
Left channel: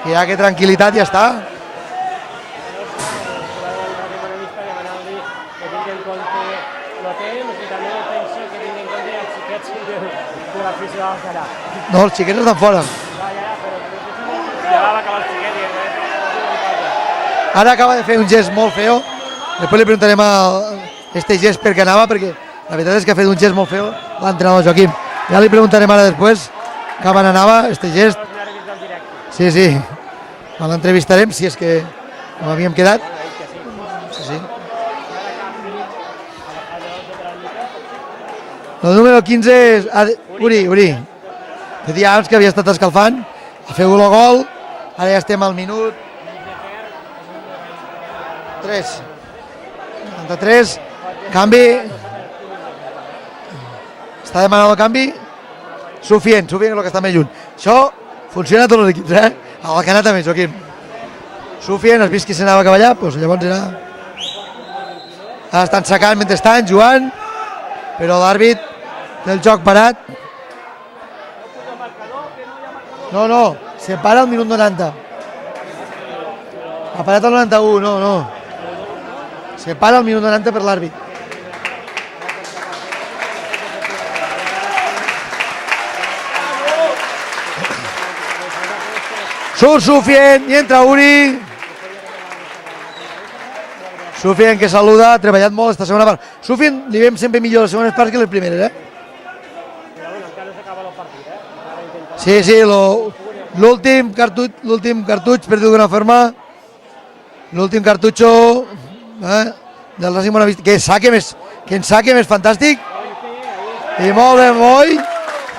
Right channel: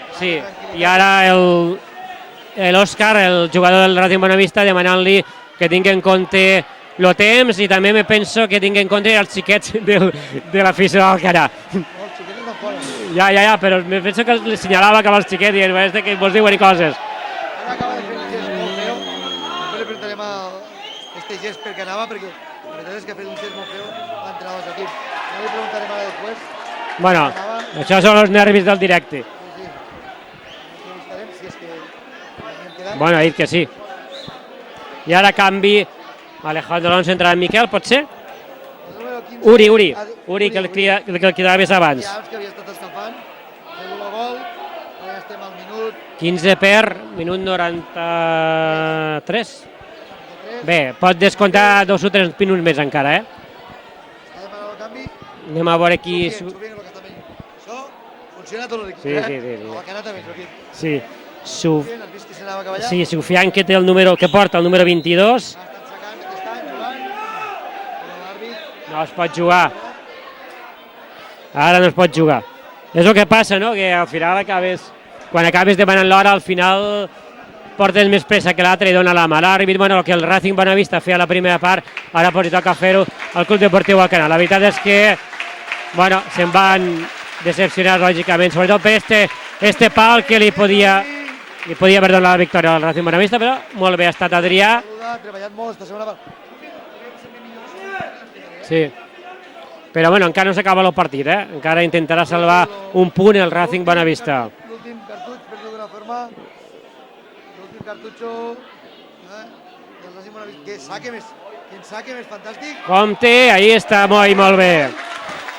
que ja que tranquil·litat ja està. L'Òscar, el jugador del Racing Bonavista, demanant-li que tingui en compte el temps i també me penso que tingui en compte els xiquets de l'afició de l'Alcanar. No, els xiquets estan fora. Ja, però me penso que li senyalava cap als xiquets i que vols dir coses. Ara acaba de fer un gest molt feo. Després li preguntarem este gest per què anava, perquè la veritat és que ha fet un gest molt feo l'entrenador Joaquim. Ja li preguntarem ara després quan anava. Això són els nervis del directe. Sí. L'entrevistarem, si és que havíem quedat. Bueno, ha dit que sí. I ara canvi, Alejandro Alonso entra en Miquel, pot ser? El número 15... Uri, que el quedava més abans. Diams, que havia estat escalfant, ha fet el gol, ara ja estem al minut... 15 per minut 93. 93. Bé, pot descomptar 2 o 3 minuts més encara, Està demanant el canvi. Anem a veure qui... Sufien, el que està més lluny. Això Funciona a tots els equips, A l'Alcanar també, Joaquim. Sí. Sufian, has vist qui s'anava cap allà? Sí, Sufian, que té el número, que porta el número 22. Estan secant mentre estan jugant, però l'àrbit del joc parat. Ara no es pot jugar. És el que passa, no? Que se para al minut 90. Quan acabes demanant l'hora, al final ha parat el 91, portes més pressa que l'altre i dona la mà. L'àrbit, bueno, que el Racing Bonavista feia la primera part, ara pot tocar fer-ho al Club Deportiu Alcanar. La veritat és que, bueno, se'n van decepcionar, lògicament, sobretot per este pal que li podia haver donat la victòria al Racing Bonavista, però molt bé ha estat Adrià. Sufian, que saluda, ha treballat molt esta segona part. Sufian li veiem sempre millor les segones parts que les primeres, Sí. Però bueno, encara no s'acaba el partit, encara intentarà salvar un punt el Racing Bonavista. L'últim cartutx, per dir-ho d'una forma, l'últim cartutxo del Racing Bonavista, que en saque més fantàstic. Compte, ahí està Moi, molt bé.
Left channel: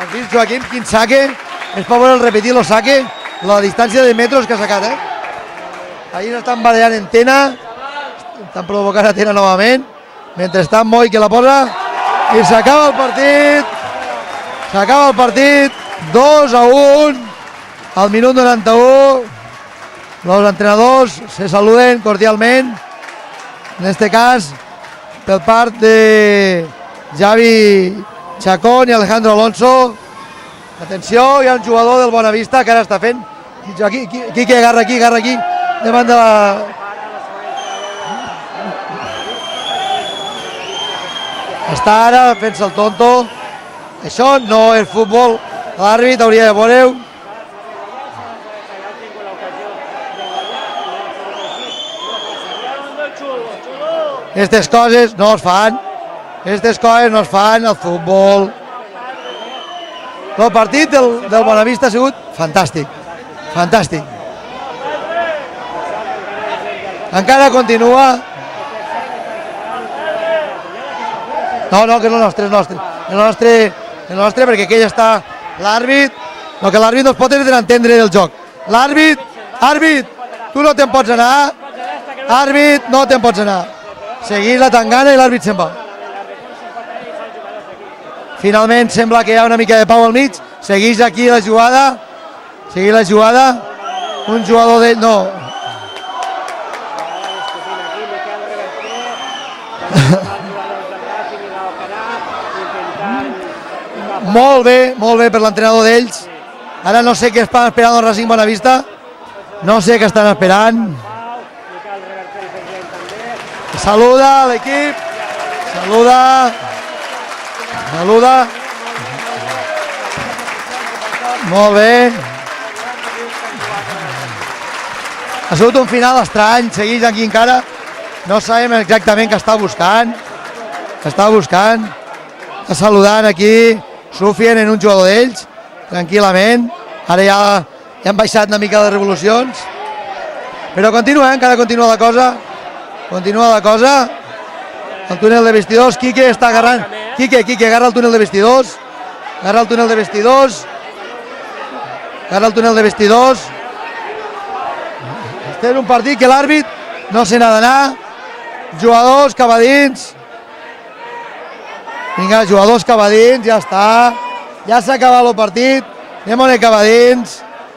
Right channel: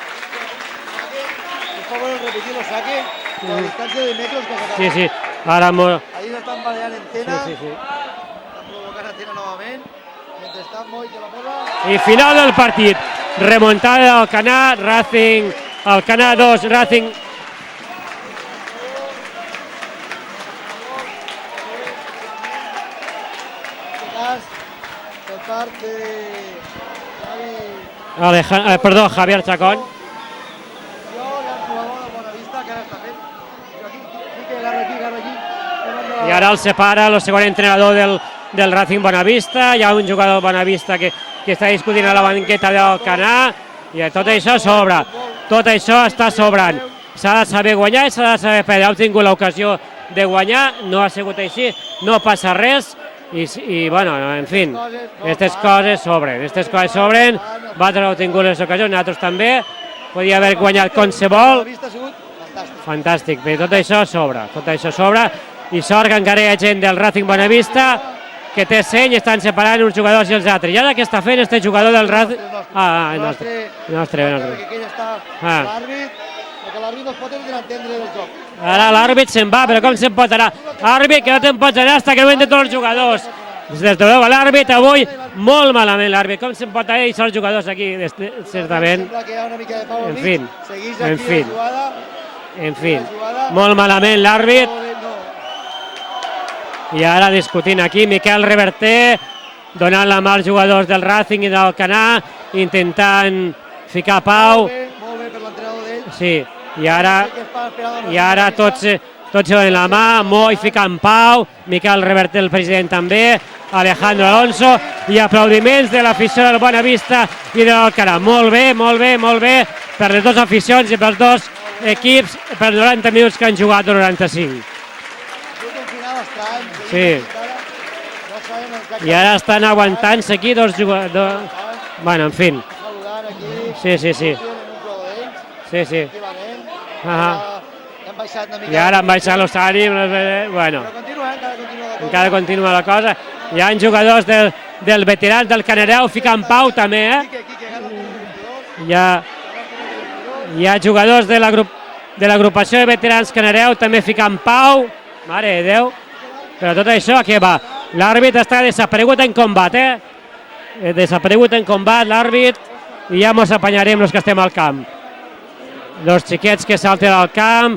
Aquí el Joaquim, quin saque, es pot veure el repetir el saque, la distància de metres que ha sacat. Sí. Ara ahir estan baleant en Tena, estan provocant a Tena novament. Mentrestant, Moi que la posa. I final del partit. Remuntada del Alcanar. S'acaba el partit. 2-1. Al minut 91. Los entrenadors se saluden cordialment. En este cas, per part de Xavi Chacón i Alejandro Alonso. Atenció, hi ha un jugador del Bonavista que ara està fent. Quique, agarra aquí. I ara el separa el segon entrenador del Racing Bonavista. Hi ha un jugador del Bonavista que està discutint a la banqueta del Alcanar. I tot això sobra. Tot això està sobrant. S'ha de saber guanyar i s'ha de saber perdre. Hem tingut l'ocasió de guanyar, no ha sigut així, no passa res. I bueno, aquestes coses no es fan. Aquestes coses sobren. Aquestes coses no es fan al futbol. Hem tingut les ocasions, nosaltres també. Podia haver guanyat qualsevol. El partit del Bonavista ha sigut fantàstic. Fantàstic. Tot això sobra. I sort que encara hi ha gent del Racing Bonavista que té seny i estan separant uns jugadors i els altres. I ara què està fent este jugador del Racing? El nostre, perquè aquell està l'àrbit. No, que l'àrbit no es pot entendre del joc. L'àrbit se'n va, però com se'n pot anar? Tu no te'n pots anar. Àrbit, que no te'n pots anar fins que no entren tots els jugadors. No te'n pots anar. L'àrbit avui, molt malament l'àrbit. Com se'n pot anar i són els jugadors aquí? Finalment sembla que hi ha una mica de pau al mig. Segueix aquí la jugada. Segueix la jugada. Molt malament l'àrbit. Un jugador d'ell, no. I ara discutint aquí, Miquel Reverter, donant la mà als jugadors del Racing i del Alcanar, intentant ficar pau. Molt bé per l'entrenador d'ells. Sí. Ara no sé què estan esperant el Racing Bonavista. Tots se donen la mà, Moi ficant pau, Miquel Reverter, el president també, Alejandro Alonso, i aplaudiments de l'afició del Bonavista i de l'Alcanar. Molt bé, per les dues aficions i pels dos equips, per 90 minuts que han jugat, 95. Ha sigut un final estrany, seguit aquí encara. No sabem exactament què està buscant. Ja estan aguantant-se aquí dos jugadors. Està buscant. Bueno, en fi. Saludant aquí. Rufián en un jugador d'ells. Tranquil·lament. Ara ja han baixat una mica de revolucions. Però continua, encara continua la cosa. Hi ha jugadors del veterà del Canadeu ficant pau també. Quique, agarra el túnel de vestidors. Agarra el túnel de vestidors. Hi ha jugadors de l'agrupació de veterans Canadeu també ficant pau. Té un partit que l'àrbit no se n'ha d'anar. L'àrbit està desaparegut en combat. Desaparegut en combat l'àrbit. Jugadors cavadins, ja ens apanyarem que estem al camp. Ja s'ha acabat el partit. Dos xiquets que salten al camp.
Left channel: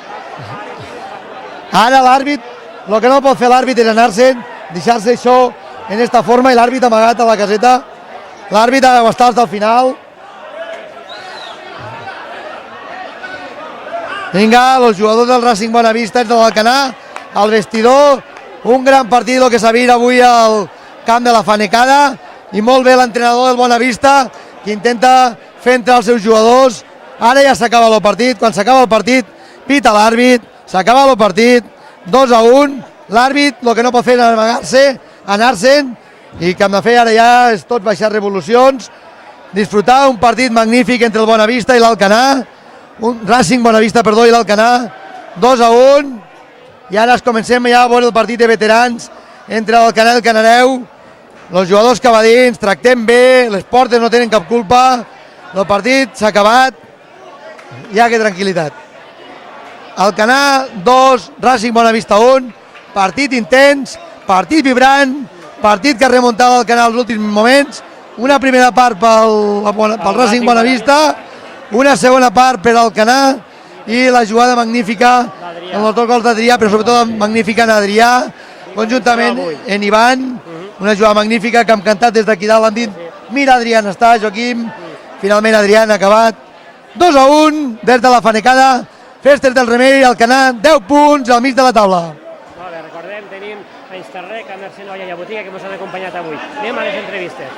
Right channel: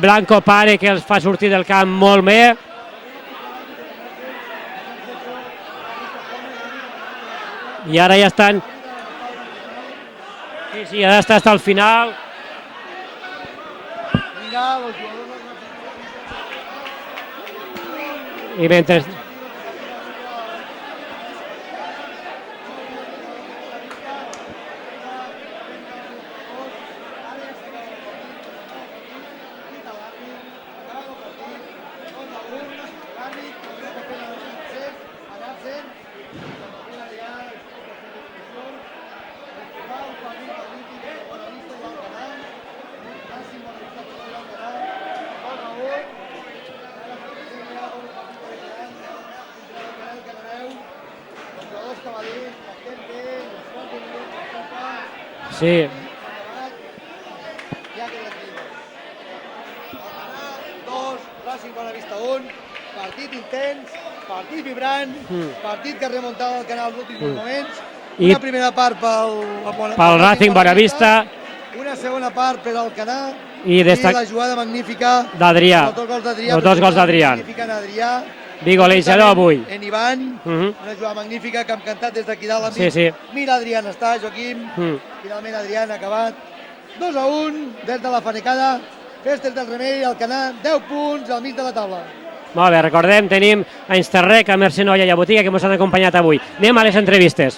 Blanco Pare que els fa sortir del camp molt bé. El que no pot fer l'àrbit és anar-se'n, deixar-se això en esta forma i l'àrbit amagat a la caseta. I ara ja estan... L'àrbit ha d'estar fins al final. Sí, ha d'estar fins al final. Vinga, els jugadors del Racing Bonavista de l'Alcanar, al vestidor, un gran partit que s'ha vist avui al camp de la Fanecada, i molt bé l'entrenador del Bonavista, que intenta fer entrar els seus jugadors. Ara ja s'acaba el partit, quan s'acaba el partit, pita l'àrbit, s'acaba el partit, 2-1, l'àrbit el que no pot fer és amagar-se, anar-se'n, i que hem de fer ara ja és tot baixar revolucions, disfrutar un partit magnífic entre el Bonavista i l'Alcanar, un Racing Bonavista, perdó, i l'Alcanar, 2-1, i ara comencem ja a veure el partit de veterans entre l'Alcanar i el Canadeu. Els jugadors cavadins, tractem bé, les portes no tenen cap culpa, el partit s'ha acabat, ja que tranquil·litat. Alcanar 2, Racing Bonavista 1, partit intens, partit vibrant, partit que ha remuntat l'Alcanar als últims moments, una primera part pel Racing Bonavista, una segona part per Alcanar, I la jugada magnífica d'Adrià. amb el gol d'Adrià, però sobretot magnífica en Adrià, en Ivan, una jugada magnífica que hem cantat des d'aquí dalt, hem dit, mira Adrià on està, Joaquim, finalment Adrià ha acabat, 2-1, des de la Fanecada, Festes del Remei, Alcanar, 10 punts al mig de la taula. Molt bé, recordem, tenim a Insterrec, a Mercè Noia i a Botiga que ens han acompanyat avui. Anem a les entrevistes.